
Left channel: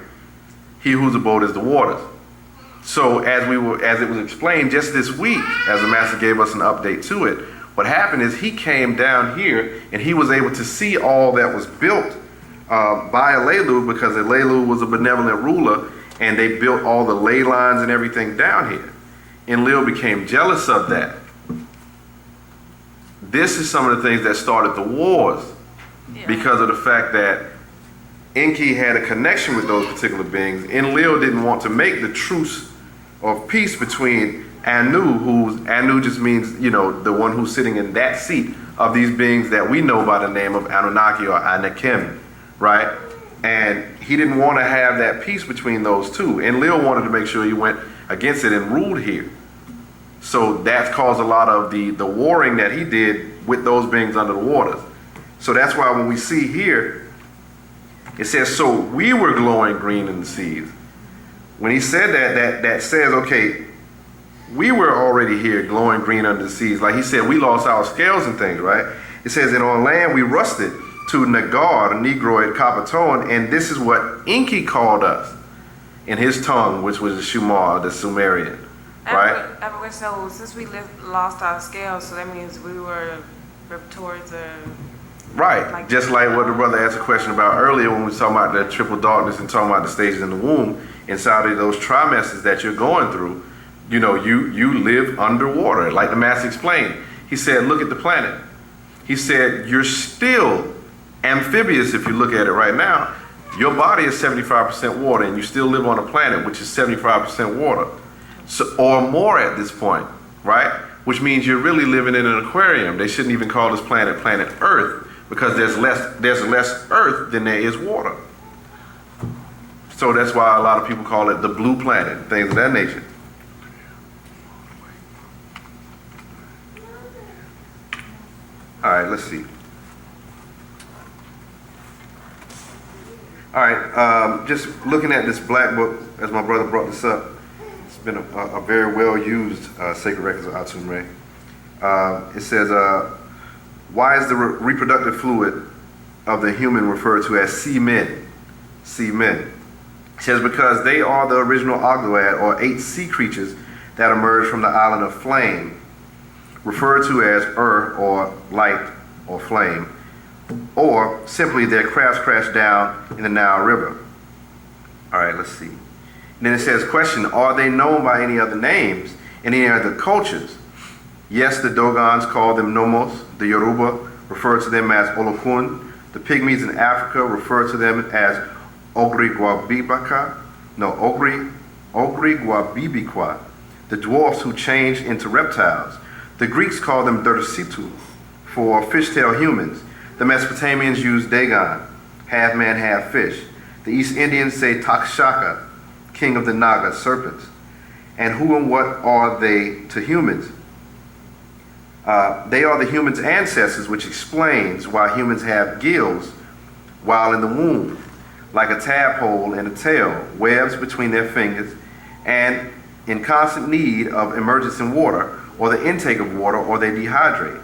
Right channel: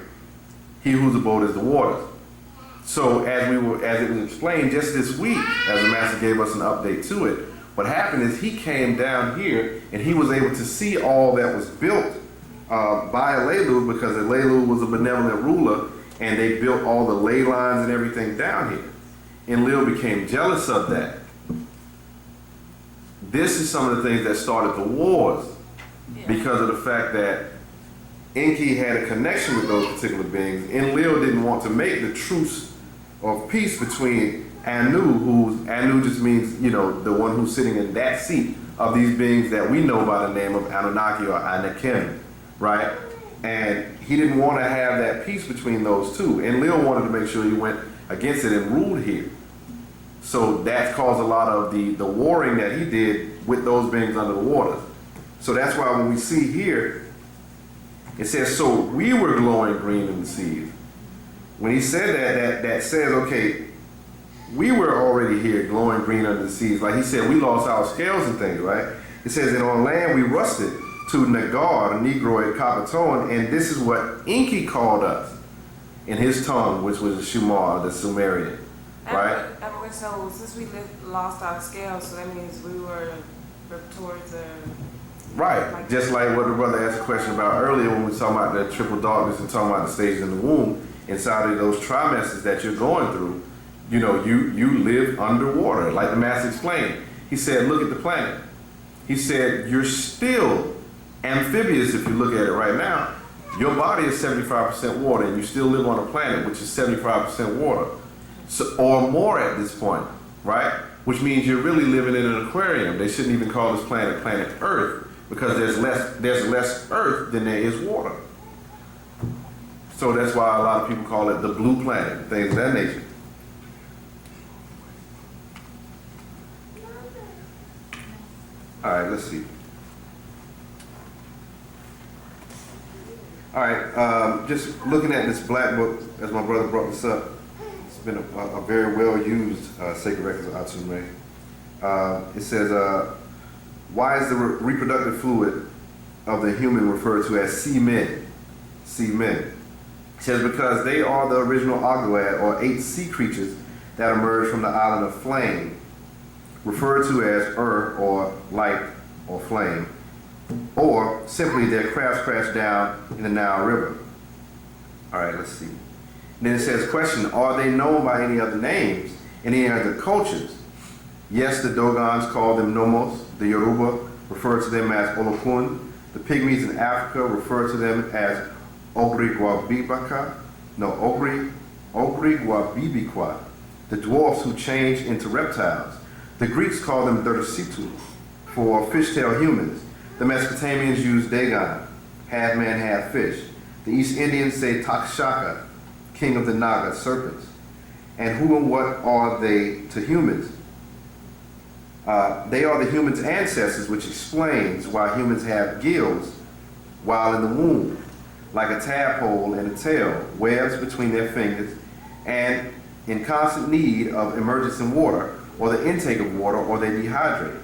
He whose abode is the waters. So as it was explained just this week, as the master gave us an update to it, what happened is he came down here and he was able to see all that was built by Alelu, because Alelu was a benevolent ruler and they built all the ley lines and everything down here. Enlil became jealous of that. This is some of the things that started the wars, because of the fact that Enki had a connection with those particular beings. Enlil didn't want to make the truce of peace between Anu, Anu just means, the one who's sitting in that seat of these beings that we know by the name of Anunnaki or Anakim, right? And he didn't want to have that peace between those two. Enlil wanted to make sure he went against it and ruled here. So that's caused a lot of the warring that he did with those beings under the waters. So that's why when we see here, it says, so we were glowing green in the seas. When he said that says, okay, we were already here glowing green under the seas. Like he said, we lost our scales and things, right? It says, and on land we rusted to Nagar, the Negroid copper tone, and this is what Enki called us in his tongue, which was the Shumar, the Sumerian, right? So since we lost our scales, so that means we were reptoids or... Right, just like what the brother asked a question about earlier when we were talking about the triple darkness and talking about the stages in the womb. Inside of those trimesters that you're going through, you live underwater, like the master explained. He said, look at the planet. He said, you're still amphibious if you look at it right now. Your body is 75% water, and you still live on a planet which is 75% water, so, or more at this point, right? Which means you're really living in an aquarium. They shouldn't even call this planet planet Earth, because there's less earth than there is water. So that's why a lot of people call it the blue planet, things of that nature. All right, let's see. All right, just looking at this black book, as my brother brought this up, it's been a very well-used sacred records of Atumre. It says, why is the reproductive fluid of the human referred to as semen? Semen. It says because they are the original Ogdoad, or 8 sea creatures that emerged from the island of Flame, referred to as or light, or flame, or simply their crafts crashed down in the Nile River. All right, let's see. And then it says, question, are they known by any other names in any other cultures? Yes, the Dogons call them Nomos. The Yoruba refer to them as Olokun. The Pygmies in Africa refer to them as Ogriguabibaka. No, Ogriguabibikwa. The dwarfs who change into reptiles. The Greeks call them Dertositu for fishtail humans. The Mesopotamians use Dagon, half man, half fish. The East Indians say Takshaka, king of the Naga, serpents. And who and what are they to humans? They are the humans' ancestors, which explains why humans have gills while in the womb, like a tadpole and a tail, webs between their fingers, and in constant need of emergence in water, or the intake of water, or they dehydrate.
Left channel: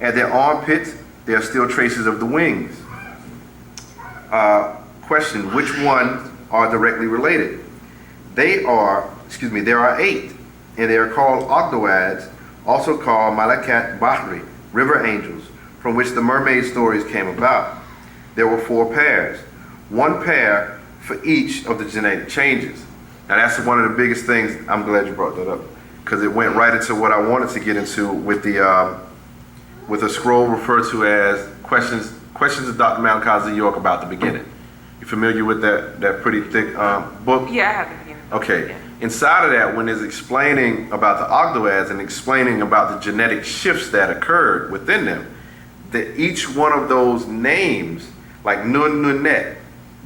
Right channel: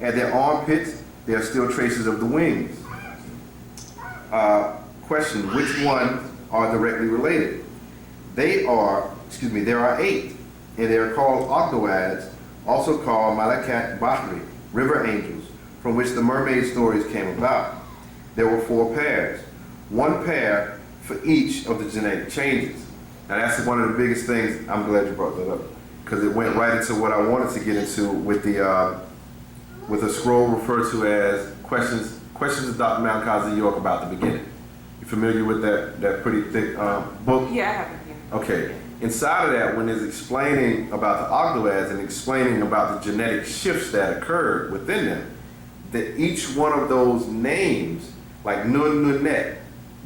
At their armpits, there are still traces of the wings. Question, which ones are directly related? There are 8, and they are called Ogdoads, also called Malakat Bahri, river angels, from which the mermaid stories came about. There were 4 pairs, 1 pair for each of the genetic changes. Now that's one of the biggest things. I'm glad you brought that up, because it went right into what I wanted to get into with a scroll referred to as questions of Dr. Malachi Z. York about the beginning. You familiar with that pretty thick book? Yeah, I have it here. Okay. Yeah. Inside of that, when it's explaining about the Ogdoads and explaining about the genetic shifts that occurred within them, that each one of those names, like Nun Nunet,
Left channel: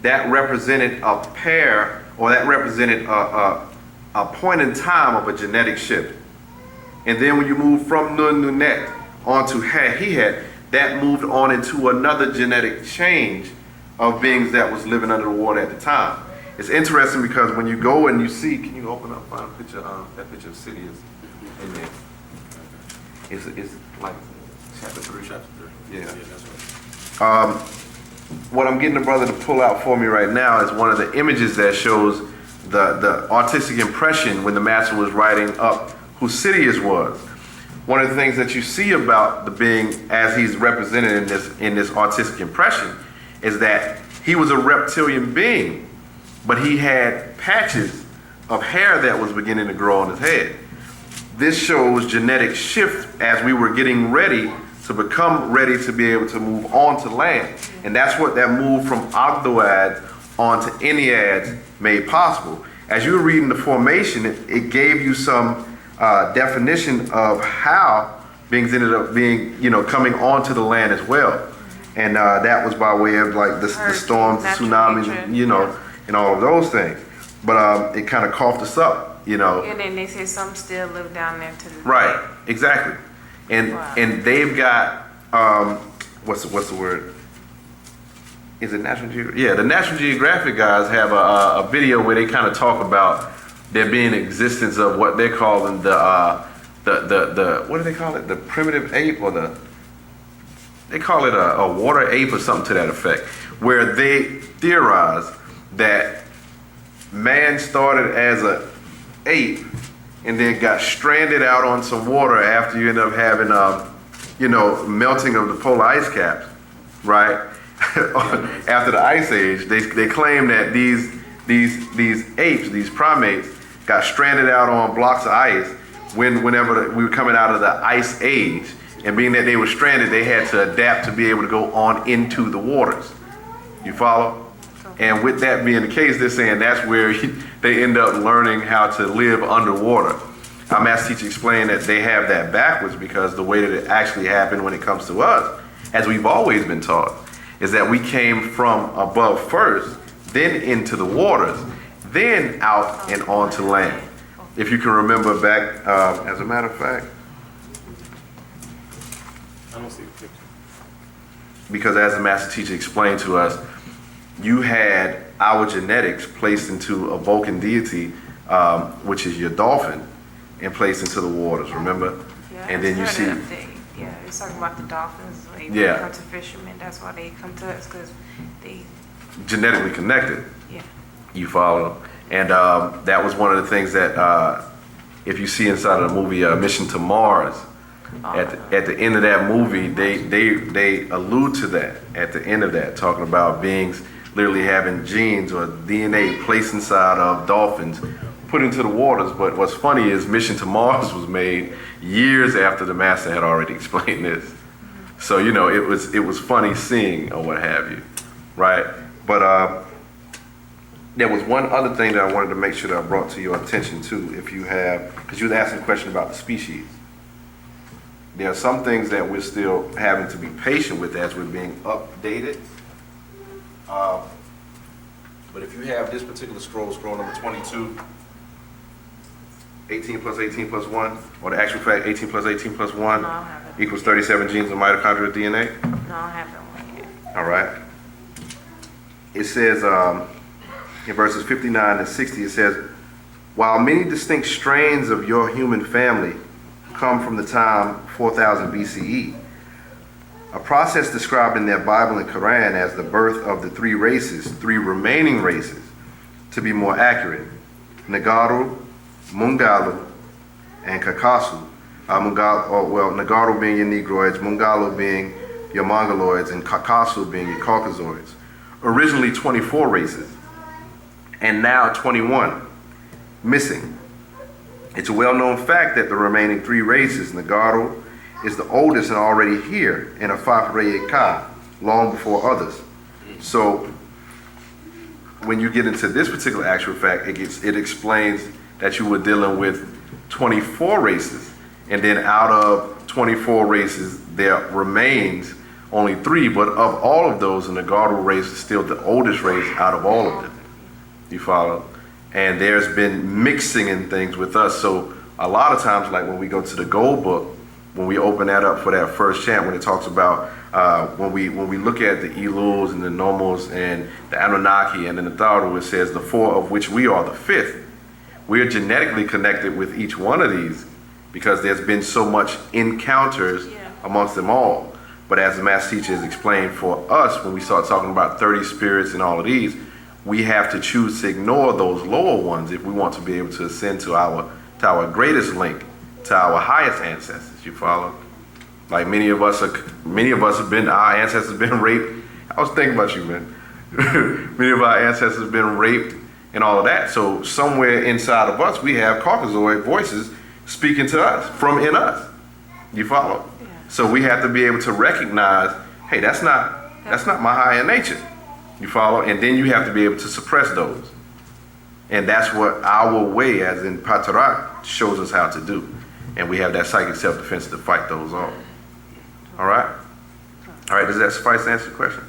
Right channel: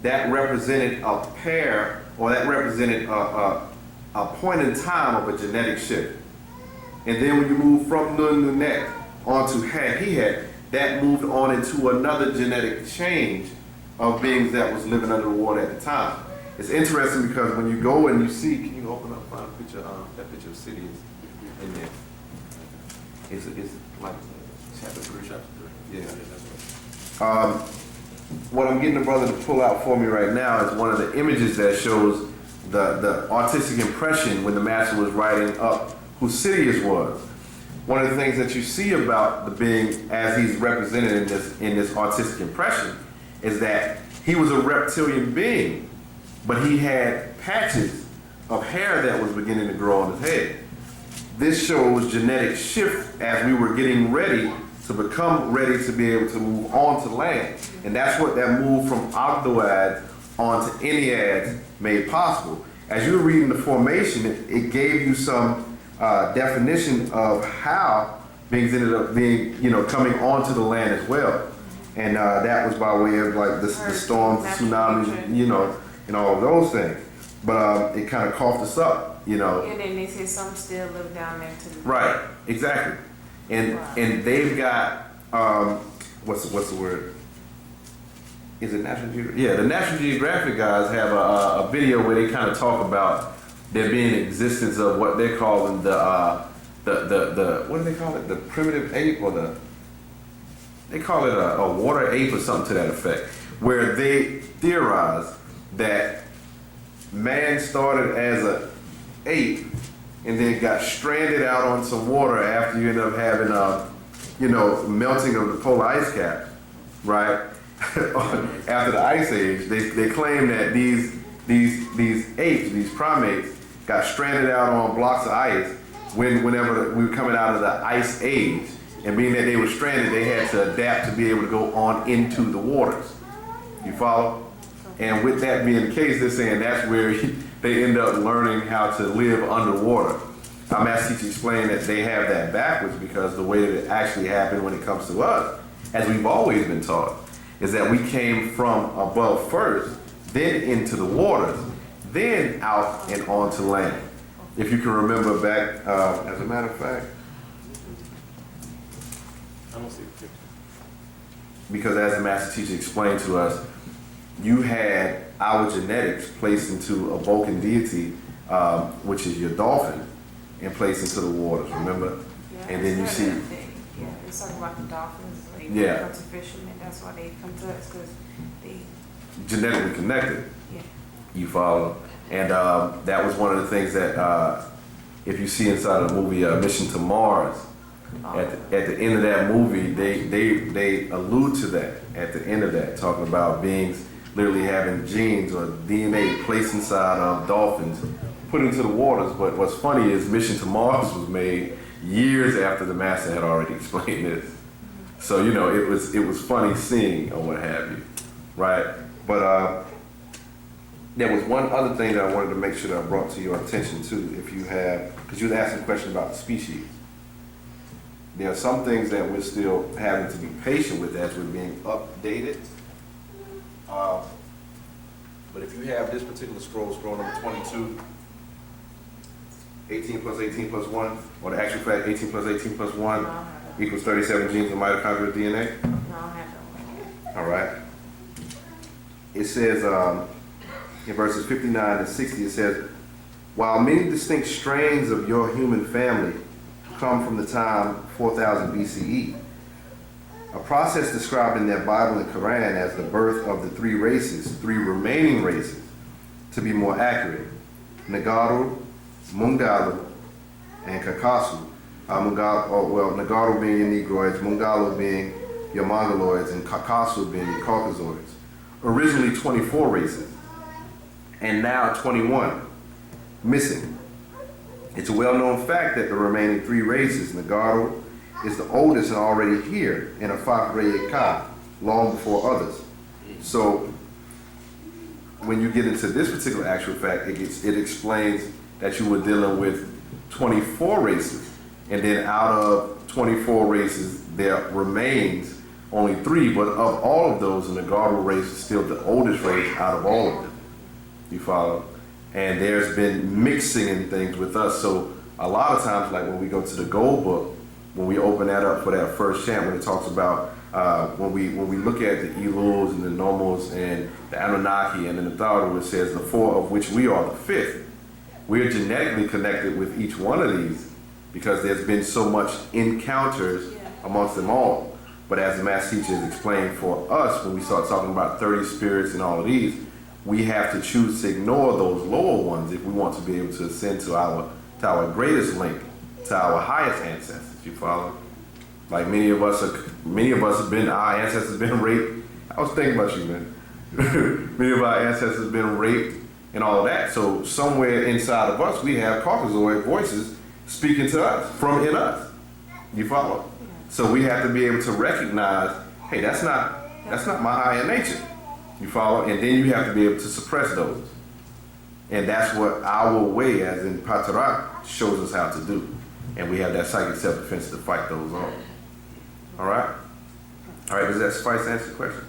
that represented a pair, or that represented a point in time of a genetic shift. And then when you move from Nun Nunet onto He-Het, that moved on into another genetic change of beings that was living under the water at the time. It's interesting because when you go and you see, can you open up, find a picture, that picture of City is in there. It's like chapter 3. Chapter 3. Yeah. That's right. What I'm getting the brother to pull out for me right now is one of the images that shows the artistic impression when the master was writing up who Sidious was. One of the things that you see about the being as he's represented in this artistic impression is that he was a reptilian being, but he had patches of hair that was beginning to grow on his head. This shows genetic shift as we were getting ready to become ready to be able to move on to land. And that's what that move from Ogdoads onto Enneads made possible. As you were reading the formation, it gave you some definition of how beings ended up being, coming onto the land as well. And that was by way of like the storms, the tsunamis, and all of those things. But it kind of coughed us up, And then they say some still live down there to the Right, exactly. And Wow. and they've got what's the word? Is it National Geographic? Yeah, the National Geographic guys have a video where they kind of talk about there being existence of what they're calling the what do they call it? The primitive ape, or they call it a water ape or something to that effect, where they theorize that man started as a ape and then got stranded out on some water after you end up having melting of the polar ice caps, right? After the ice age, they claim that these apes, these primates, got stranded out on blocks of ice whenever we were coming out of the ice age, and being that they were stranded, they had to adapt to be able to go on into the waters. You follow? And with that being the case, they're saying that's where they end up learning how to live underwater. Our master teacher explained that they have that backwards, because the way that it actually happened when it comes to us, as we've always been taught, is that we came from above first, then into the waters, then out and onto land. If you can remember back, as a matter of fact, I don't see the picture. because as the master teacher explained to us, you had our genetics placed into a Vulcan deity, which is your dolphin, and placed into the waters, remember? Yeah, And then you see, Yeah, it's talking about the dolphins. Like, Yeah. they come to fishermen. That's why they come to us, because they, genetically connected. yeah. You follow? And that was one of the things that, if you see inside of the movie Mission to Mars, at the end of that movie, they allude to that at the end of that, talking about beings literally having genes or DNA placed inside of dolphins, put into the waters. But what's funny is Mission to Mars was made years after the master had already explained this. So, you know, it was funny seeing or what have you, right? But there was one other thing that I wanted to make sure that I brought to your attention too, if you have, because you was asking a question about the species. There are some things that we're still having to be patient with as we're being updated. But if you have this particular scroll number 22, 18 plus 18 plus 1, or the actual fact 18 plus 18 plus 1 No, I don't have it. equals 37 genes of mitochondrial DNA. No, I don't have that one yet. All right. It says in verses 59 and 60, it says, while many distinct strains of your human family come from the time 4000 BCE, a process described in their Bible and Quran as the birth of the three remaining races, to be more accurate, Nagaru, Mungalu, and Kakasu. Nagaru being your Negroids, Mungalu being your Mongoloids, and Kakasu being your Caucasoids. Originally 24 races, and now 21 missing. It's a well-known fact that the remaining three races, Nagaru is the oldest and already here in a Fafreye Ka, long before others. So when you get into this particular actual fact, it explains that you were dealing with 24 races, and then out of 24 races, there remains only 3, but of all of those, the Nagaru race is still the oldest race out of all of them. You follow? And there's been mixing and things with us. So a lot of times, like when we go to the Gold Book, when we open that up for that first chant, when it talks about when we look at the Elus and the Nomos and the Anunnaki and the Natharu, it says the 4 of which we are the 5th. We're genetically connected with each one of these because there's been so much encounters amongst them all. But as the Master Teacher has explained, for us, when we start talking about 30 spirits and all of these, we have to choose to ignore those lower ones if we want to be able to ascend to our greatest link, to our highest ancestors. You follow? Like many of us have been, our ancestors have been raped. I was thinking about you, man. Many of our ancestors have been raped and all of that. So somewhere inside of us, we have Caucasoid voices speaking to us, from in us. You follow? Yeah. So we have to be able to recognize, hey, that's not my higher nature. You follow? And then you have to be able to suppress those. And that's what our way, as in Patarak, shows us how to do. And we have that psychic self-defense to fight those off. All right? All right, does that suffice to answer the question?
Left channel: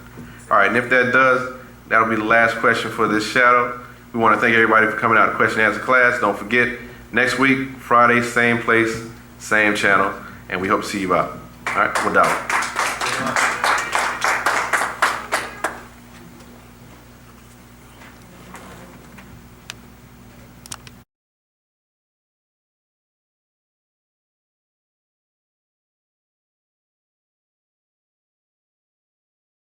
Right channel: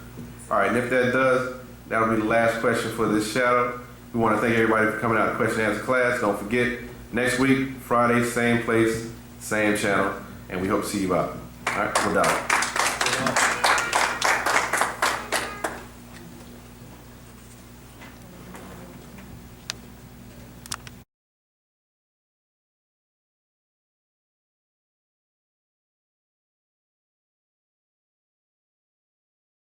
All right, and if that does, that'll be the last question for this shadow. We want to thank everybody for coming out to question and answer class. Don't forget, next week, Friday, same place, same channel, and we hope to see you out. All right, Wu-nuwaupu.